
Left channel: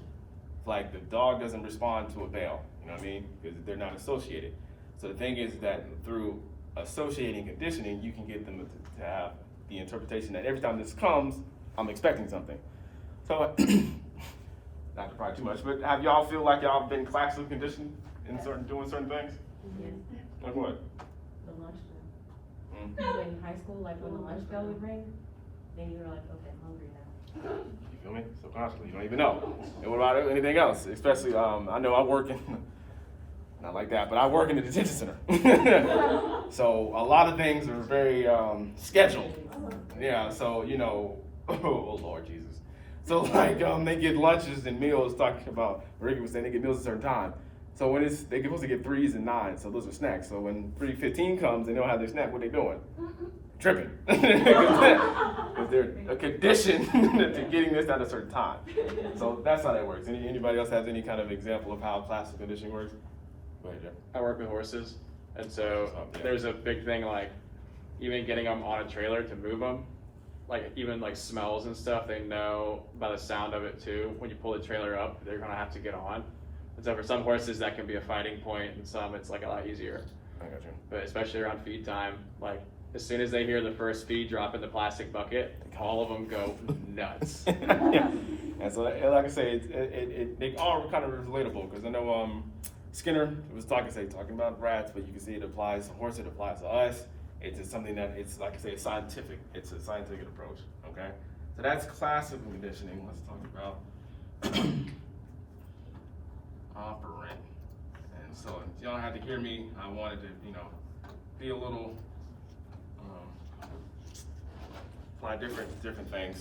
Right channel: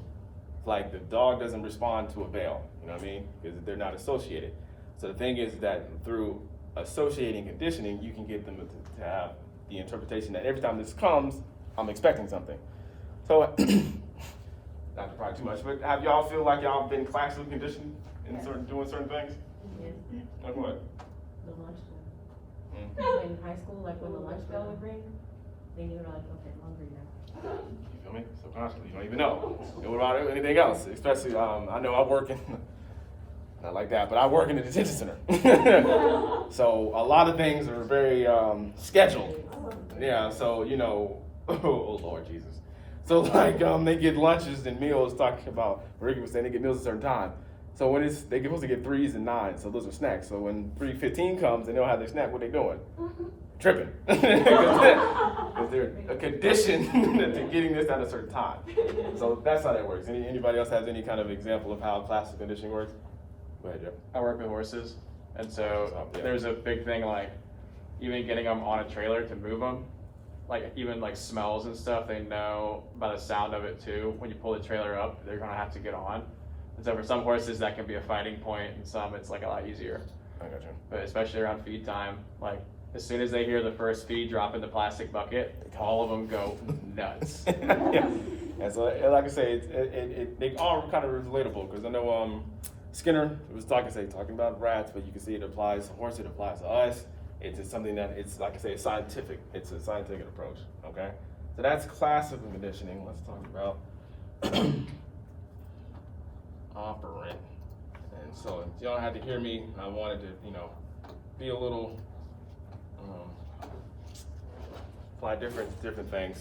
Like the dog doesn't respond to a bell, you know what I mean? Because they're not associated. So the thing is that through associating conditioning, you can get them to have the interpretation that every time this comes, I'm expecting something. So, not to pry too much, but have y'all feel like y'all been classically conditioned in doing certain things? Yes. Like what? The lunch bell. In high school, like when the lunch bell would ring, then you were like, okay, I'm hungry now. You feel me? Subconsciously, you don't even know. And what about anything else? Especially, I know I work in, not like that, but I work in the detention center. So a lot of things are very scheduled. Yeah, so, you know, oh Lord Jesus. So like, they get lunches and meals, talking about, Ricky was saying they get meals at a certain time. So when they're supposed to get 3s and 9s, so those are snacks. So when 3:15 comes and they don't have their snack, what are they doing? Tripping. Because they're conditioned to getting this at a certain time. So that's how that works. Anybody else has any kind of example of how classical conditioning works? Go ahead, Jeff. I work with horses, and so yeah. There's a big thing like even getting them on a trailer to move them, like even like smells and stuff. They know by the sound of it too. When you pull the trailer up, they're gonna have to get on. And so for some horses that can be a fighting point, and some it's like a lot easier. I got you. But especially around feed time, like as soon as they hear the first feed drop in the plastic bucket, all of them go nuts. Yeah. And so, like I say, they all kind of relatable because I know Skinner was talking about rats, but you can see it applies to horses, it applies to us. It's just something that it's, like I say, it's scientific. It's a scientific approach, okay? So that's classical conditioning. Let's talk about operant. And so you don't have to hear me. I wanted to, be a little, apply different things.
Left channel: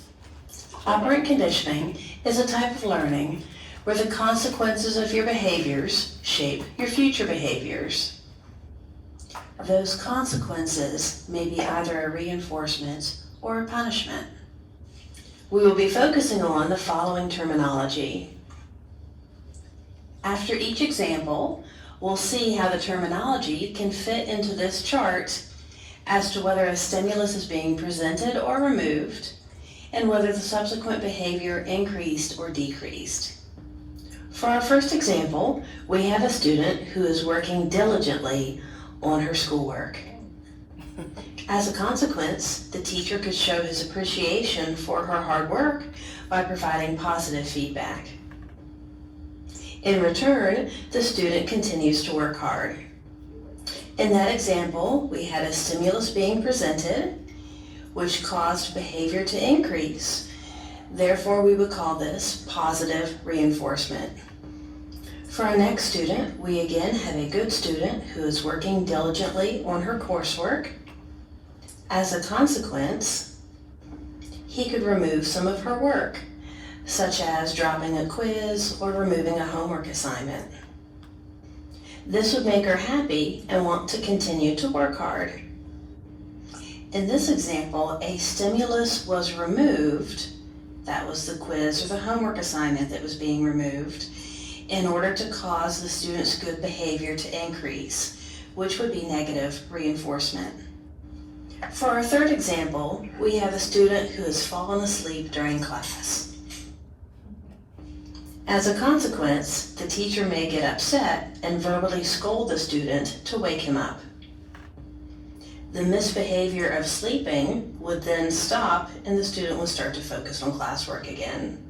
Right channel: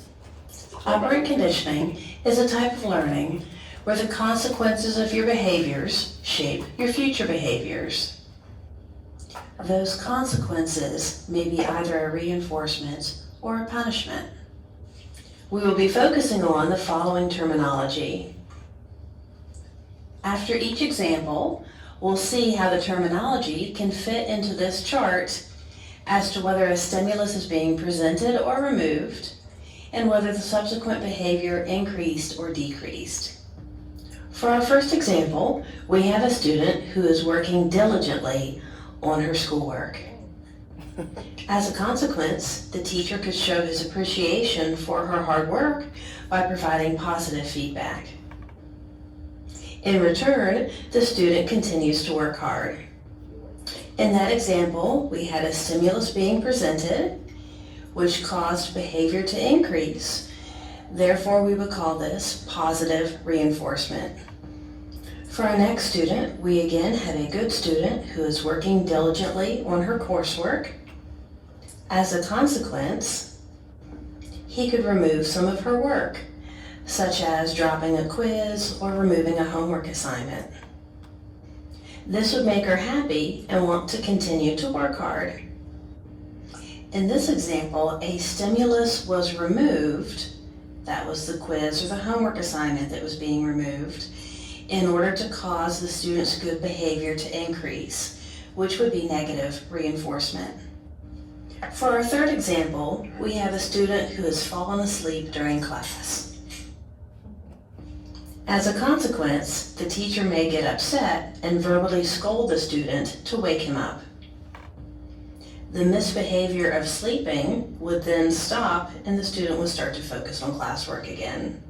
Operant conditioning is a type of learning where the consequences of your behaviors shape your future behaviors. Those consequences may be either a reinforcement or a punishment. We will be focusing on the following terminology. After each example, we'll see how the terminology can fit into this chart as to whether a stimulus is being presented or removed, and whether the subsequent behavior increased or decreased. For our first example, we have a student who is working diligently on her schoolwork. As a consequence, the teacher could show his appreciation for her hard work by providing positive feedback. In return, the student continues to work hard. In that example, we had a stimulus being presented. which caused behavior to increase. Therefore, we would call this positive reinforcement. For our next student, we again have a good student who is working diligently on her coursework. As a consequence, he could remove some of her work, such as dropping a quiz or removing a homework assignment. This would make her happy and want to continue to work hard. In this example, a stimulus was removed, that was the quiz or the homework assignment that was being removed, in order to cause the student's good behavior to increase, which would be negative reinforcement. For our third example, we have a student who has fallen asleep during class. As a consequence, the teacher may get upset and verbally scold the student to wake him up. The misbehavior of sleeping would then stop and the student would start to focus on classwork again.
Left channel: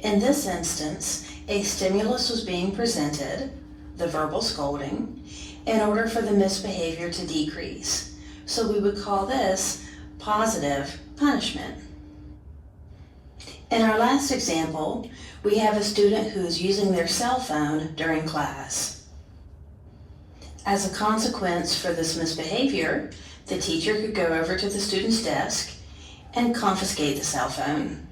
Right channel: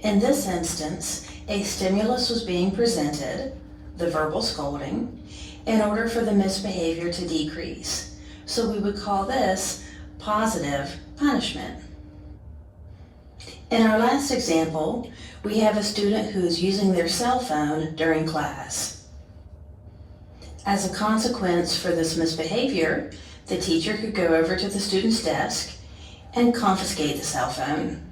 In this instance, a stimulus was being presented, the verbal scolding, in order for the misbehavior to decrease. So we would call this positive punishment. In our last example, we have a student who is using their cell phone during class. As a consequence for this misbehavior, the teacher could go over to the student's desk and confiscate the cell phone.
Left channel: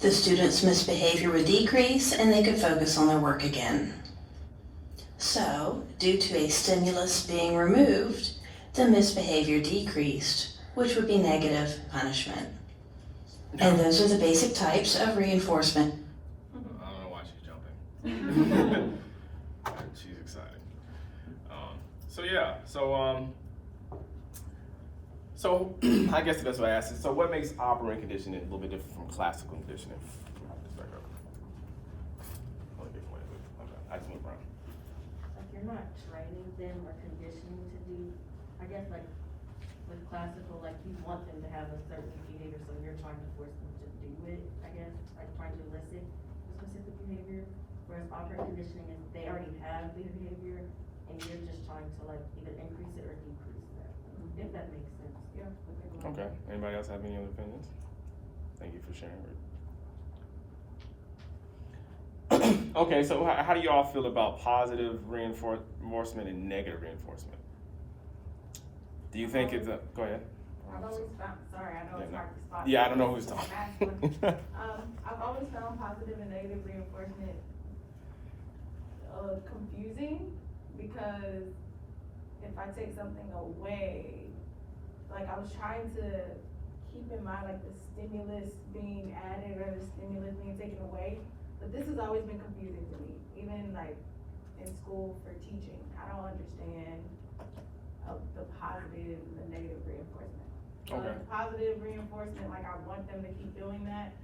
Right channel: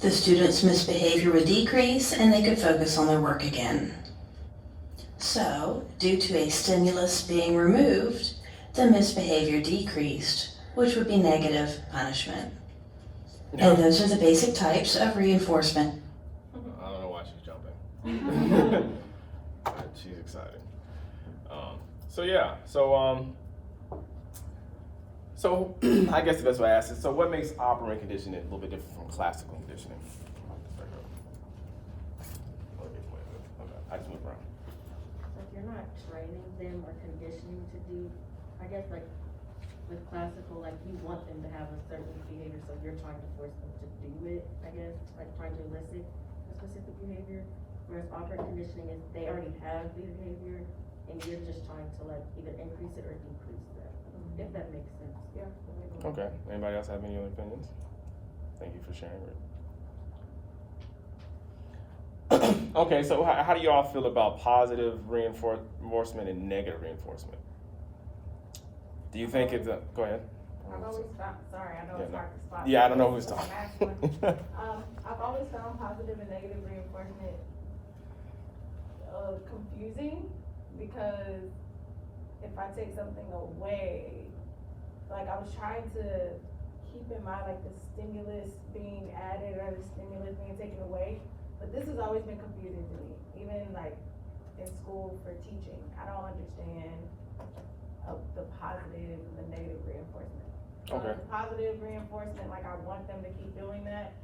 The student's misbehavior would decrease and they could focus on their work again. So, due to a stimulus being removed, the misbehavior decreased, which would be negative punishment. And those are the basic types of reinforcement. I don't know why she's jumping. She's excited. So I guess the best way to ask is, so what makes operant conditioning a little bit different from classical conditioning? I just moved around. Like you're not training them or conditioning to do, I guess like with classical, like you want them to have a certain behavior, so you're trying to force them to do it, I guess, like trying to elicit a specific behavior. Whereas operant conditioning is they already have the behavior and you're just trying to like either increase it or decrease that, if that makes sense. Yeah. Okay, anybody else have any other opinions? Thank you for sharing, Rick. Okay, so how do you all feel about positive reinforcement and negative reinforcement? Do you think it's a, go ahead. I've always found, sorry, I know it's hard to spot. Yeah, I don't know who's talking. I've always found positive and negative reinforcement confusing, because if I take something away, like I was trying to keep in mind like the stimulus being added or the stimulus being taken away, but this has always been confusing to me, even like in school for teaching. I don't understand the positive and the negative reinforcement. Okay. Positive reinforcement, like I want them to keep doing that,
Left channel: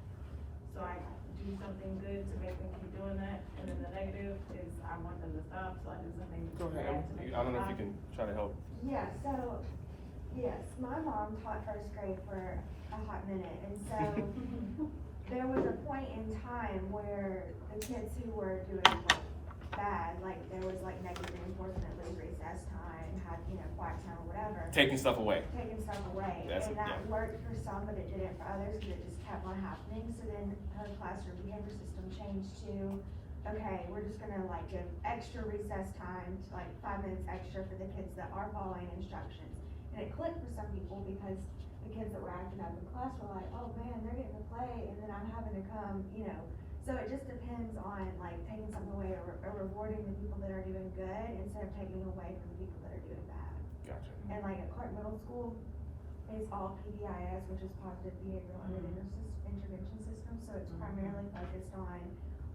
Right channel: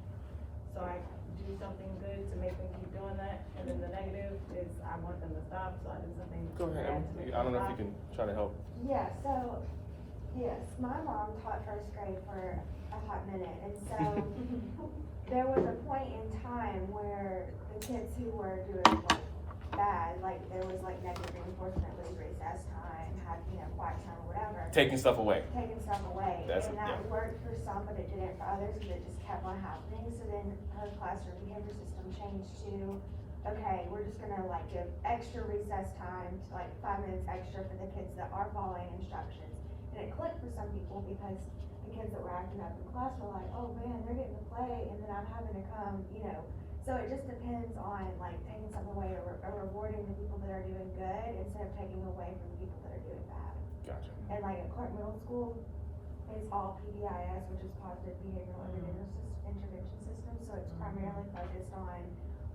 so I do something good to make them keep doing that, and then the negative is I want them to stop, so I do something. Go ahead, Emma. I don't know if you can try to help. Yeah, so, yes, my mom taught first grade for a hot minute, and so there was a point in time where the kids who were doing like bad, like there was like negative reinforcement, leave recess time, have, quiet time or whatever. Taking stuff away. Taking stuff away. That's And that yeah. worked for some, but it didn't for others, because it just kept on happening. So then her classroom behavior system changed to, okay, we're just gonna like give extra recess time, to like 5 minutes extra for the kids that are following instructions. And it clicked for some people because the kids that were acting up in class were like, oh man, they're getting to play, and then I'm having to come, So it just depends on like taking something away or rewarding the people that are doing good instead of taking away from the people that are doing bad. Gotcha. And like at Clark Middle School, it's all PBIS, which is Positive Behavioral Intervention System, so it's primarily focused on,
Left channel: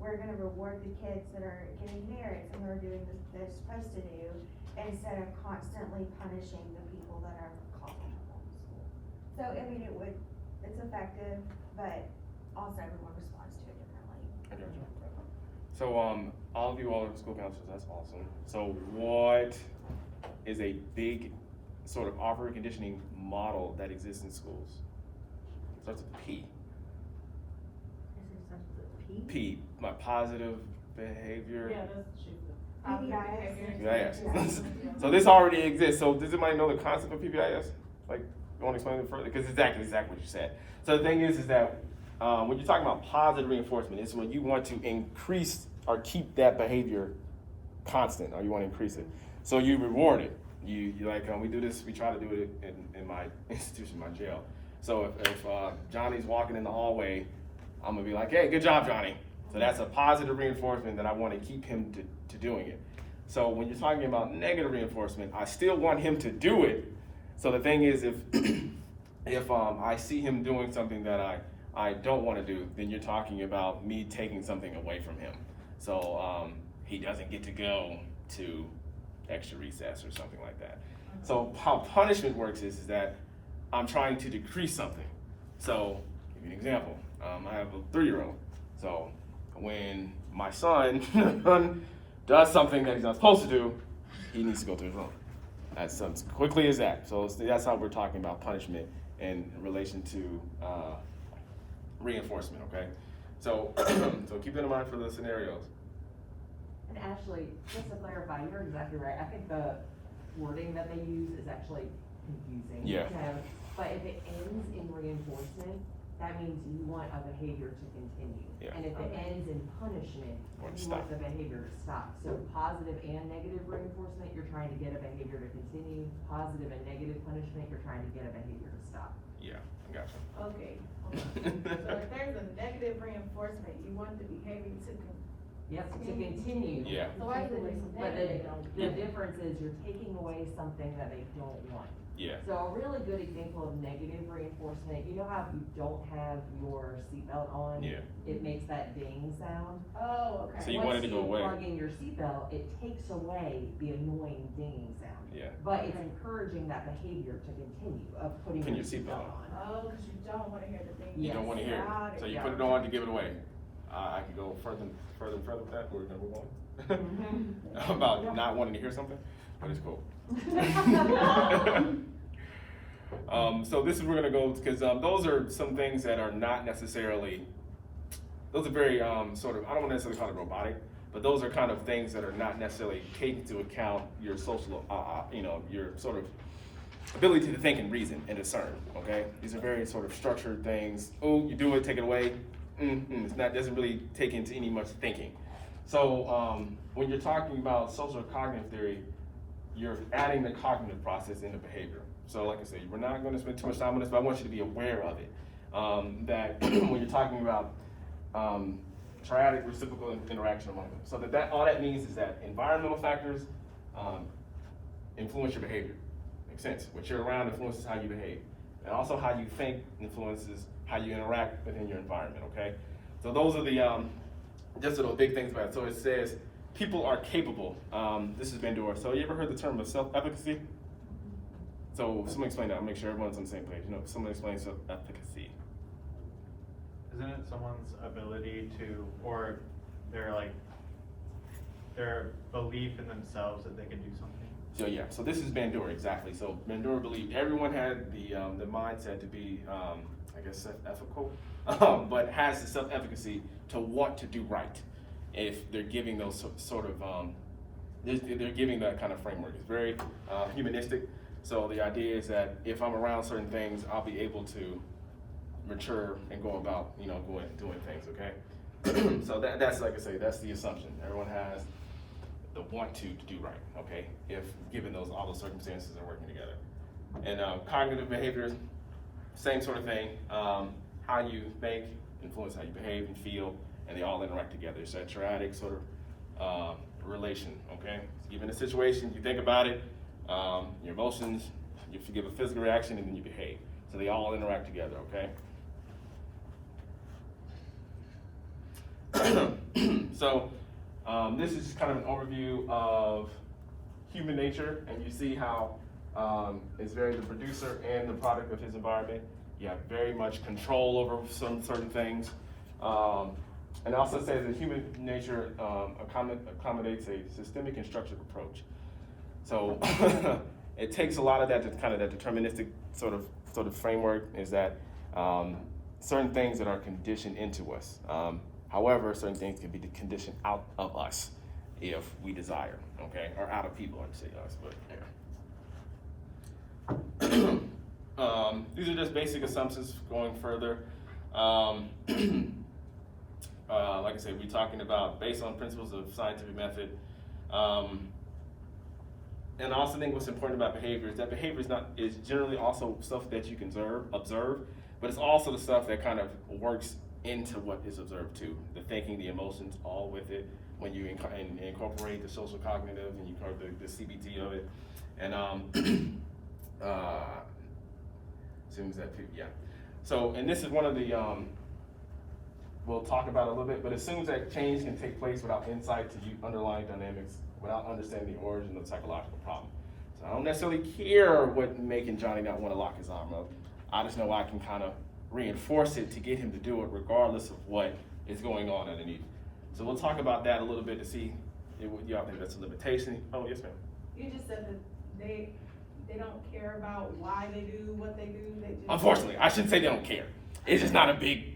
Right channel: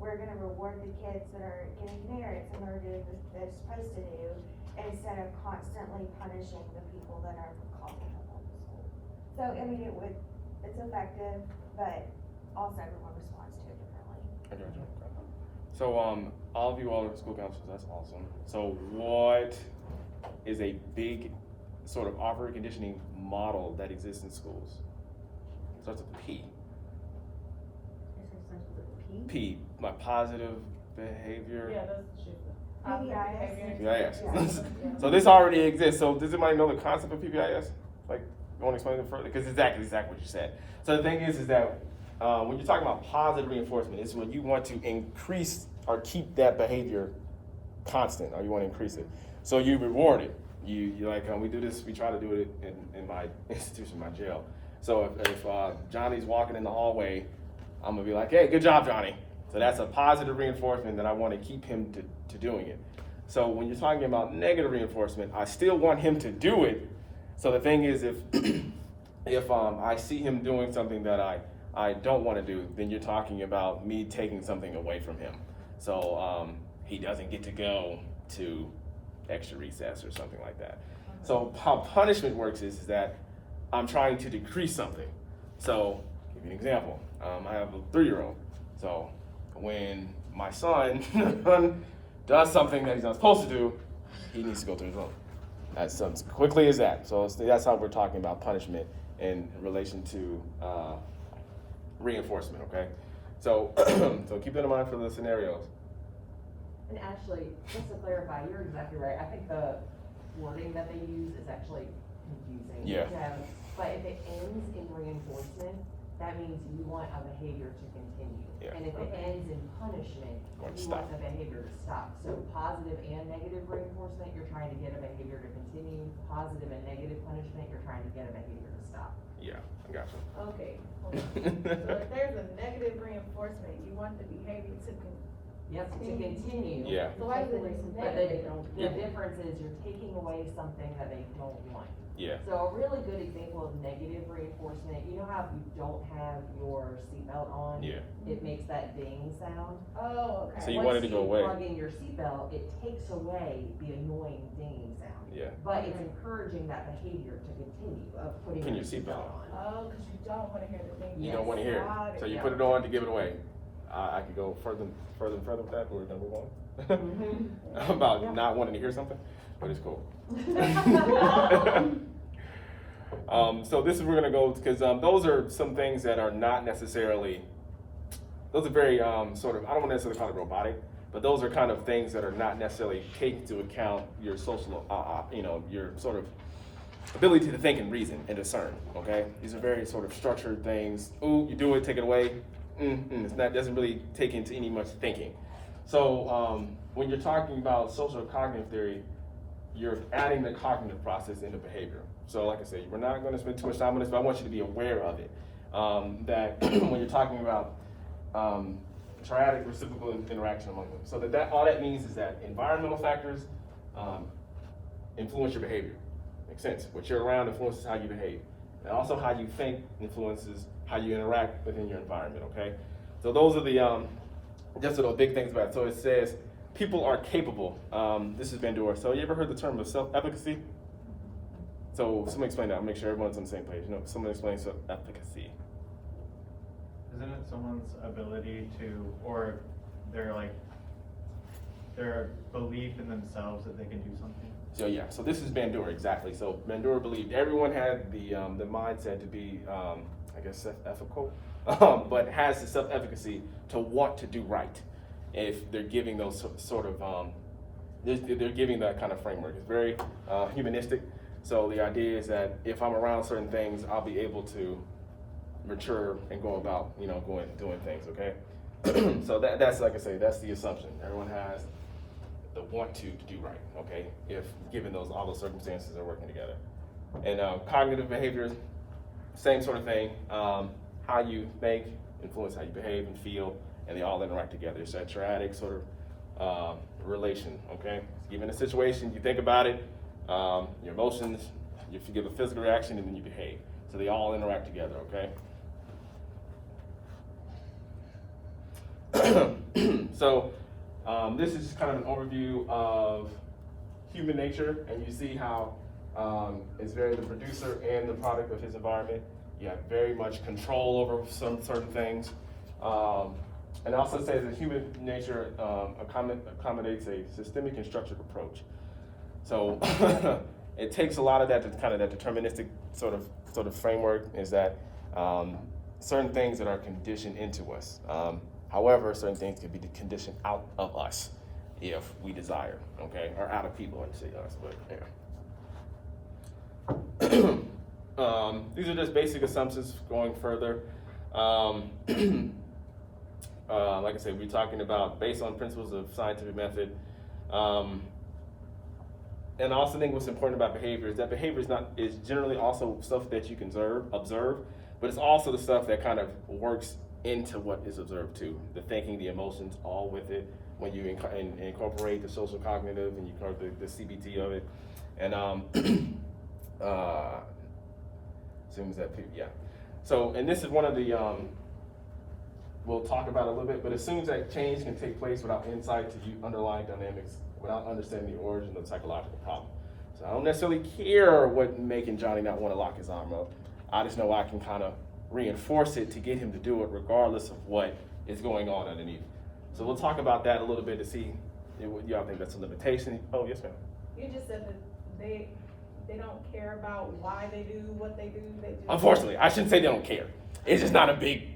we're gonna reward the kids that are getting merits and that are doing what they're supposed to do, instead of constantly punishing the people that are causing trouble in school. So, it's effective, but also everyone responds to it differently. I got you. Okay. So, all of you all are school counselors, that's awesome. So what is a big sort of operant conditioning model that exists in schools? Starts with the P. P, my positive behavior. Yeah, that's true. Positive behavior. PBIS. So this already exists. So does anybody know the concept of PBIS? Like, you want to explain it further? Because exactly what you said. So the thing is that when you're talking about positive reinforcement, it's when you want to increase or keep that behavior constant, or you want to increase it. So you reward it. You like, we do this, we try to do it in my institution, my jail. So if Johnny's walking in the hallway, I'm gonna be like, hey, good job, Johnny. So that's a positive reinforcement that I want to keep him to doing it. So when you're talking about negative reinforcement, I still want him to do it. So the thing is, if I see him doing something that I don't want to do, then you're talking about me taking something away from him. So he doesn't get to go to extra recess or something like that. So how punishment works is that I'm trying to decrease something. So give you an example. I have a 3-year-old. So when my son does something that he's not supposed to do, he needs to go to his room. That's as quickly as that. So that's how we're talking about punishment in relation to reinforcement, okay? So, so keep that in mind for the scenarios. And actually, just to clarify, you're exactly right. I think the wording that they use is actually confusing. Yeah. But if it ends in reinforcement, that means you want a behavior to continue. Yeah. And if it ends in punishment, you want the behavior to stop. So positive and negative reinforcement, you're trying to get a behavior to continue. Positive and negative punishment, you're trying to get a behavior to stop. Yeah, I got you. Okay. So if there's a negative reinforcement, you want the behavior to Yep, to continue. Yeah. So why is it But negative? the difference is you're taking away something that they don't want. Yeah. So a really good example of negative reinforcement, you know how if you don't have your seatbelt on? Yeah. It makes that ding sound? Oh, okay. So you want it to go away. Once you plug in your seatbelt, it takes away the annoying dinging sound. Yeah. But it's encouraging that behavior to continue of putting Putting your your seatbelt seatbelt on. Oh, because you don't want to hear the thing. You don't want to hear Got it. So you Yeah. put it on to give it away. I can go further and further with that, but we're gonna move on. About not wanting to hear something, but it's cool. So this is where we're gonna go, because those are some things that are not necessarily, those are very sort of, I don't want to necessarily call it robotic, but those are kind of things that are not necessarily taking into account your social, your sort of ability to think and reason and discern, okay? These are very sort of structured things. Ooh, you do it, take it away. It's not, doesn't really take into any much thinking. So when you're talking about social cognitive theory, you're adding the cognitive process into behavior. So like I said, we're not gonna spend too much time on this, but I want you to be aware of it. That when you're talking about triadic reciprocal interaction among them. So that all that means is that environmental factors influence your behavior. Makes sense. What you're around influences how you behave. And also how you think influences how you interact within your environment, okay? So those are the, just those big things about it. So it says, people are capable. This is Bandura. So you ever heard the term of self-efficacy? So somebody explain that. I'll make sure everyone's on the same page. You know, someone explain self-efficacy. Isn't it someone's ability to, or their belief in themselves that they can do something? So yeah, so this is Bandura, exactly. So Bandura believed everyone had the mindset to be, I guess, self-ethical, but has the self-efficacy to want to do right. If they're giving those sort of, they're giving that kind of framework. It's very humanistic. So the idea is that if I'm around certain things, I'll be able to mature and go about, doing things, okay? So that's, like I say, that's the assumption. Everyone has the want to do right, okay? If given all those circumstances are working together. And cognitive behaviors, same sort of thing. How you think influence how you behave and feel, and they all interact together. It's a triadic sort of relation, okay? Given a situation, you think about it, your emotions, you give a physical reaction, and then you behave. So they all interact together, okay? So this is just kind of an overview of human nature, and you see how it's very the producer and the product of his environment. You have very much control over some certain things. And also says that human nature accommodates a systemic and structured approach. So it takes a lot of that kind of that deterministic sort of framework, is that certain things that are conditioned into us. However, certain things can be conditioned out of us if we desire, okay? Or out of people, I'd say us, but yeah. These are just basic assumptions going further. Like I said, we're talking about based on principles of scientific method. And I also think what's important about behavior is that behavior is generally also stuff that you can observe, but it's also the stuff that kind of works into what is observed too. The thinking, the emotions, all with it when you incorporate the social cognitive and you incorporate the CBT of it. And assumes that people, yeah. So, and this is one of the, we'll talk about a little bit, but assumes that change can take place without insight to underlying dynamics, without understanding the origin of the psychological problem. So I don't necessarily care what making Johnny not want to lock his arm up. I just know I can kind of reinforce it to get him to do it regardless of what is going on underneath. So we'll talk about that a little bit to see what y'all think that's a limitation. Oh, yes, ma'am. You just said that they don't care about why they do what they do. They just... Unfortunately, I shouldn't say they don't care. It's just not a big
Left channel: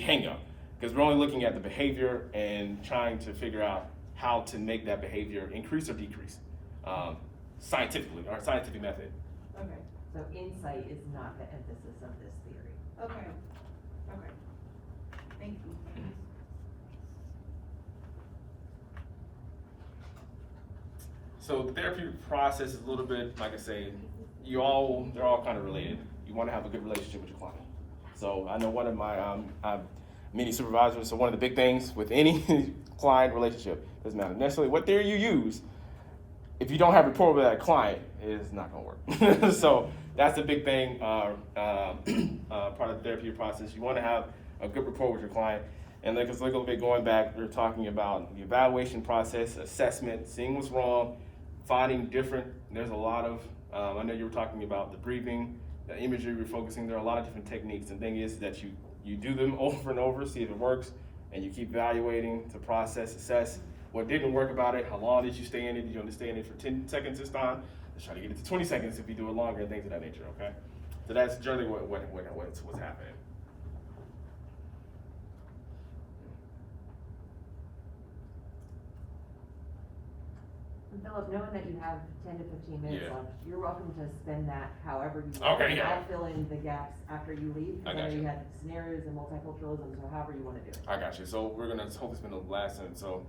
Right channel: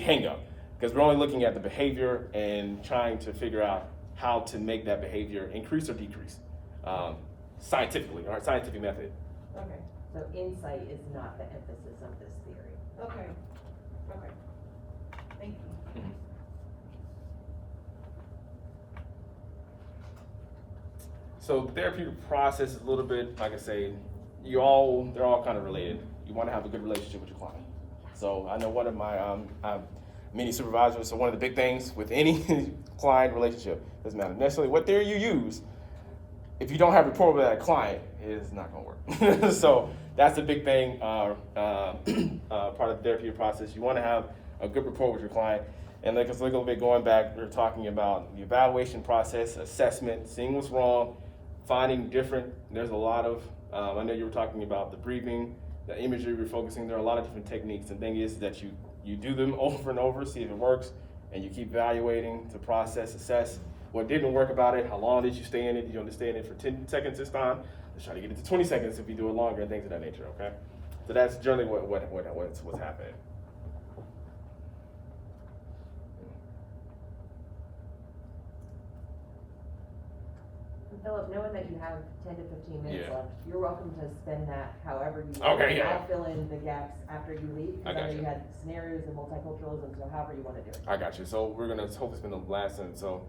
hang up because we're only looking at the behavior and trying to figure out how to make that behavior increase or decrease scientifically, or scientific method. Okay. So insight is not the emphasis of this theory. Okay. Okay. Thank you. So the therapeutic process is a little bit, like I say, they're all kind of related. You want to have a good relationship with your client. So I know one of my many supervisors, so one of the big things with any client relationship, doesn't matter necessarily what theory you use, if you don't have rapport with that client, it's not gonna work. So that's the big thing, part of the therapeutic process. You wanna have a good rapport with your client. And like a little bit going back, we're talking about the evaluation process, assessment, seeing what's wrong, finding different, there's a lot of, I know you were talking about the breathing, the imagery, refocusing, there are a lot of different techniques. And the thing is that you do them over and over, see if it works, and you keep evaluating to process, assess what didn't work about it, how long did you stay in it, did you understand it for 10 seconds this time? Let's try to get it to 20 seconds if you do it longer and things of that nature, okay? So that's generally what's happening. Philip, knowing that you have 10 to 15 minutes Yeah. left, you're welcome to spend that however you Okay, want. yeah. I'll fill in the gaps after you leave. I Because I got know you. you had scenarios and multiculturalism, so however you want to do it. I got you. So we're gonna hopefully spend the last sentence. So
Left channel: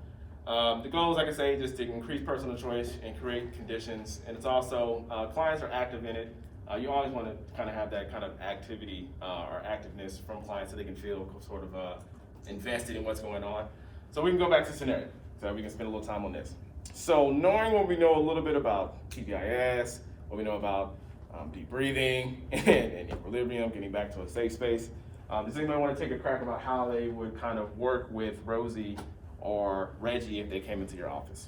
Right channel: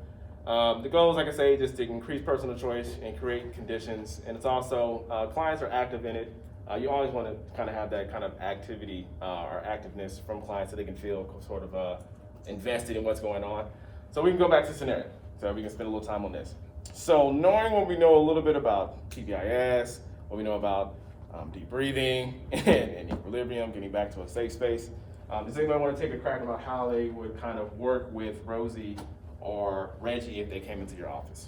the goal is, like I say, just to increase personal choice and create conditions. And it's also, clients are active in it. You always want to kind of have that kind of activity or activeness from clients so they can feel sort of invested in what's going on. So we can go back to scenario. So we can spend a little time on this. So knowing what we know a little bit about PBIS, what we know about deep breathing and equilibrium, getting back to a safe space, does anybody want to take a crack about how they would kind of work with Rosie or Reggie if they came into your office?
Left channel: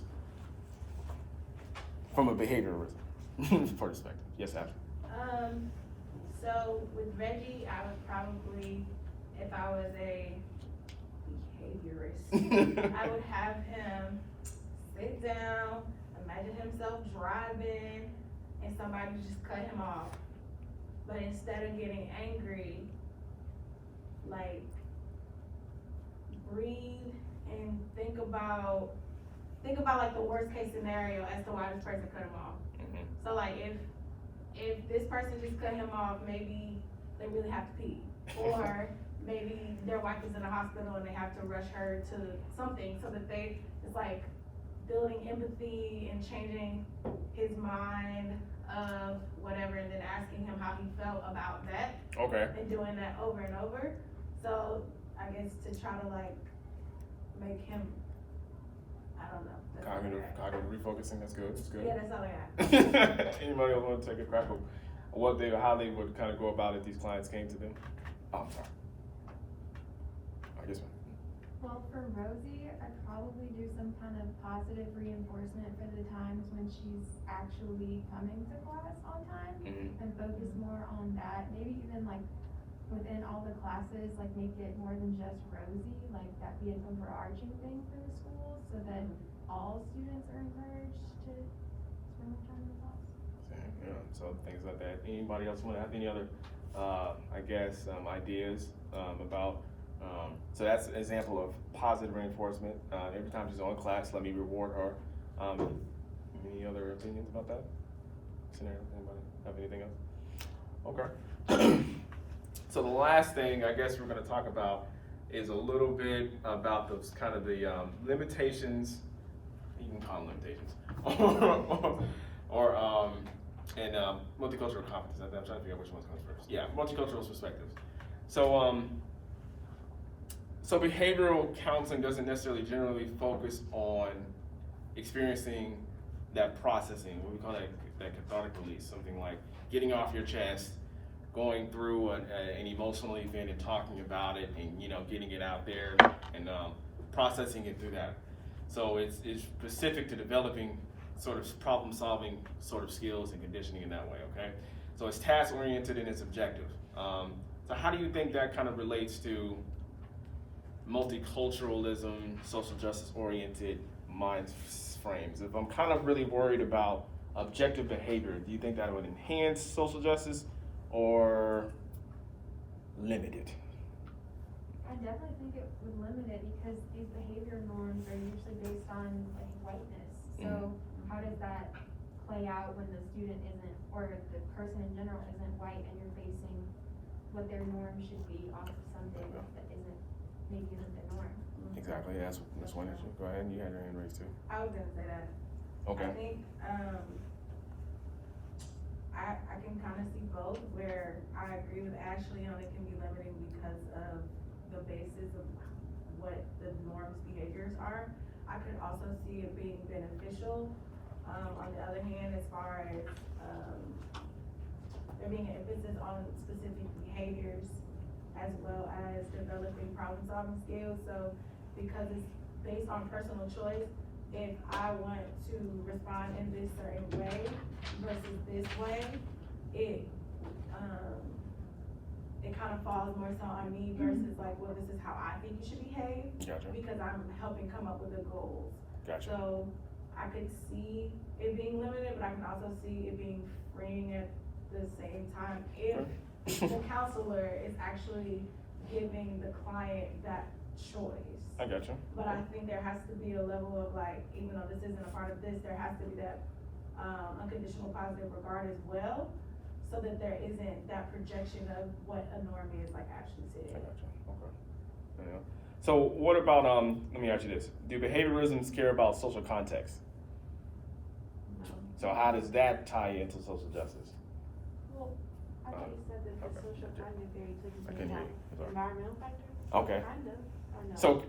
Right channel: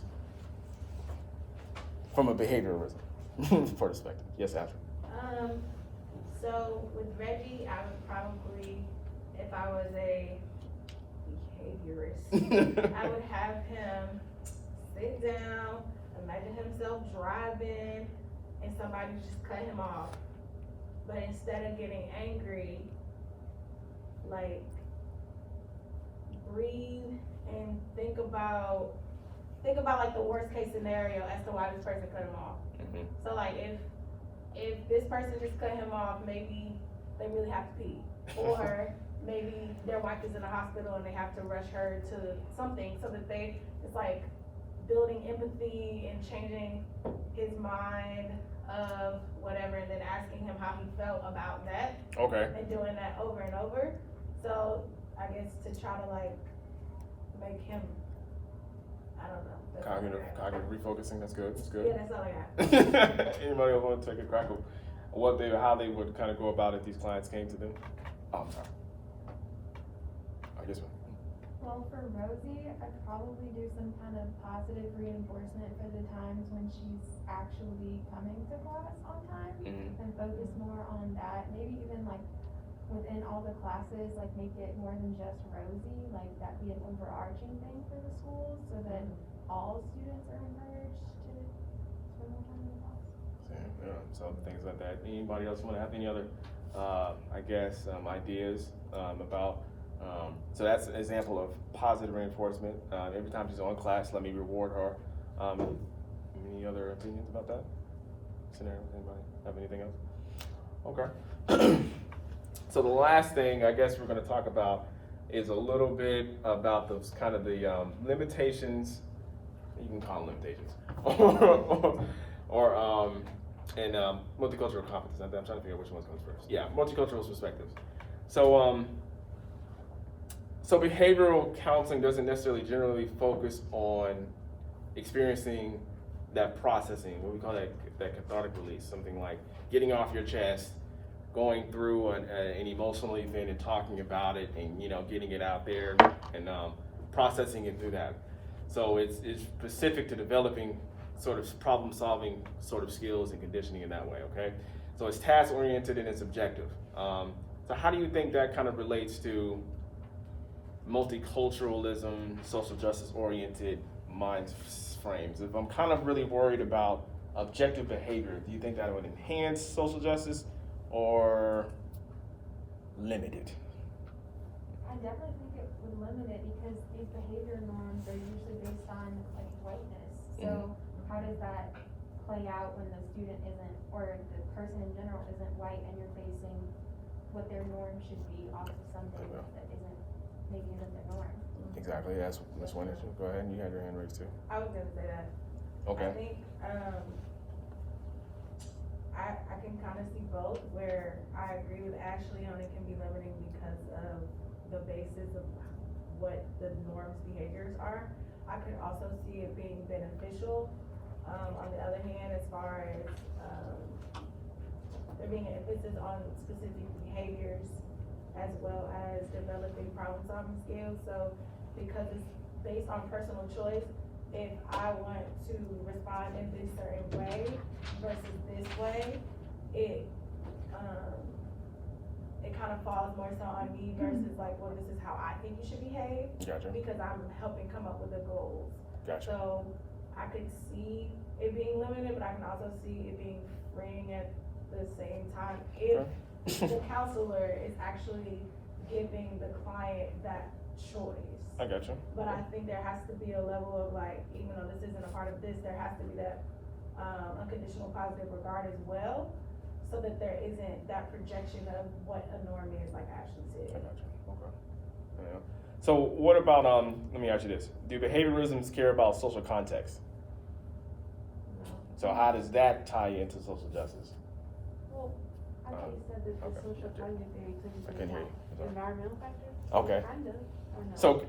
From a behaviorism perspective. Yes, Ashley. So with Reggie, I would probably, if I was a behaviorist, I would have him sit down, imagine himself driving, and somebody just cut him off. But instead of getting angry, like, breathe and think about like the worst case scenario as to why this person cut him off. Mm-hmm. So like if this person just cut him off, maybe they really have to pee. Or maybe their wife is in the hospital and they have to rush her to something, so that it's like building empathy and changing his mind of whatever, and then asking him how he felt about that. Okay. And doing that over and over. So I guess to try to like make him, I don't know. That's all I got. Cognitive refocusing, that's good. That's good. Yeah, that's all I got. Anybody else want to take a crack of how they would kind of go about it if these clients came to them? Oh, I'm sorry. This one. Well, for Rosie, I'd probably do some kind of positive reinforcement for the times when she's actually coming to class on time, and focus more on that. Maybe even like within all the classes, like make it more than just Rosie, like that be an overarching thing for the school, so that all students are encouraged to spend more time in the class. Yeah, so things like that. Anybody else want to have any other, ideas about? So that's an example of positive reinforcement. Every time she's on class, let me reward her. Any other opinions about that scenario? Anybody have anything else? Okay. So the last thing I guess we're gonna talk about is a little bit about those kind of the limitations, you can call them limitations, or multicultural competence. I'm trying to figure out which one comes first. Yeah, multicultural perspectives. So so behavioral counseling doesn't necessarily generally focus on experiencing that processing, what we call that cathartic release, something like getting off your chest, going through an emotional event and talking about it, and getting it out there and processing it through that. So it's specific to developing sort of problem solving sort of skills and conditioning in that way. Okay, so it's task oriented and it's objective. So how do you think that kind of relates to multiculturalism, social justice oriented mind frames? If I'm kind of really worried about objective behavior, do you think that would enhance social justice or limit it? I definitely think it would limit it because these behavior norms are usually based on like whiteness. So how does that play out when the student isn't, or the person in general isn't white, and you're basing what their norm should be off of something that maybe isn't the norm? Exactly, that's one issue. Go ahead, and you had your hand raised too. I was gonna say that. Okay. I think, I can kind of see both, where I agree with Ashley on it can be limiting because of the basis of what the norms behaviors are. I could also see it being beneficial, on the other hand, as far as, there being an emphasis on specific behaviors as well as developing problem solving skills. So because it's based on personal choice, if I want to respond in this certain way versus this way, it kind of falls more so on me versus like, well, this is how I think you should behave. Gotcha. Because I'm helping come up with the goals. Gotcha. So I could see it being limited, but I can also see it being freeing at the same time if the counselor is actually giving the client that choice. I gotcha. But I think there has to be a level of like, even though this isn't a part of this, there has to be that unconditional positive regard as well, so that there isn't that projection of what a norm is, like Ashley I said. gotcha. Okay. Yeah. So what about let me ask you this: do behavioralisms care about social context? So how does that tie into social justice? Well, I think you said that the okay. social cognitive theory took into I couldn't hear you. account Sorry. environmental factors. Okay. Kind of, or no? So,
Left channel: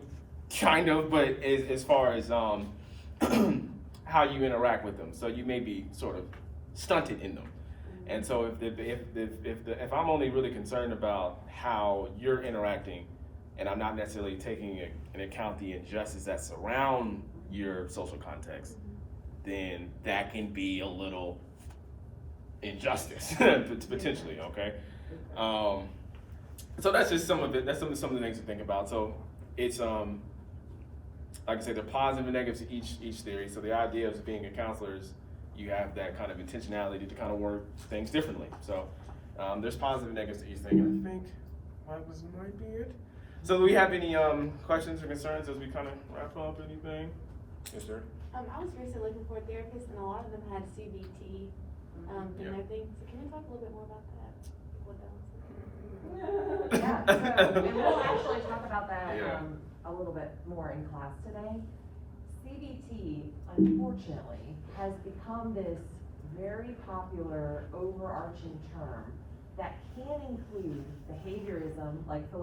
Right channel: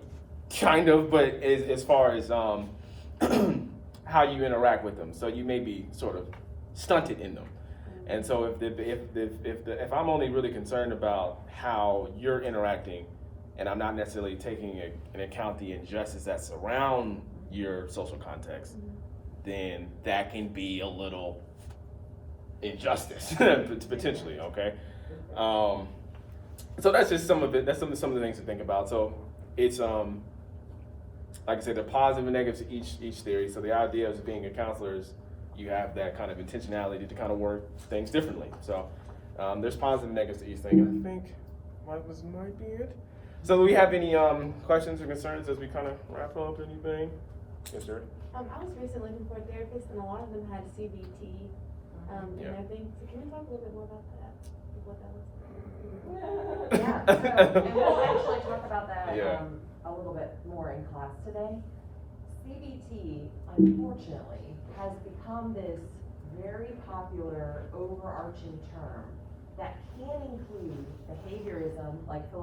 kind of, but as far as how you interact with them, so you may be sort of stunted in them, and so if I'm only really concerned about how you're interacting, and I'm not necessarily taking into account the injustice that surround your social context, then that can be a little injustice potentially. Okay. So that's just some of it. That's some of the things to think about. So it's like I said, the positive and negative to each theory. So the idea of being a counselor is you have that kind of intentionality to kind of work things differently. So there's positive and negatives to each thing. I think might be it. So do we have any questions or concerns as we kind of wrap up? Anything? Yes, sir. I was recently looking for a therapist, and a lot of them had CBT, and I think, so can you talk a little bit more about that? Like what that was like? Yeah, so, and we'll actually talk about that, Yeah. a little bit more in class today. CBT, unfortunately, has become this very popular overarching term that can include behaviorism, like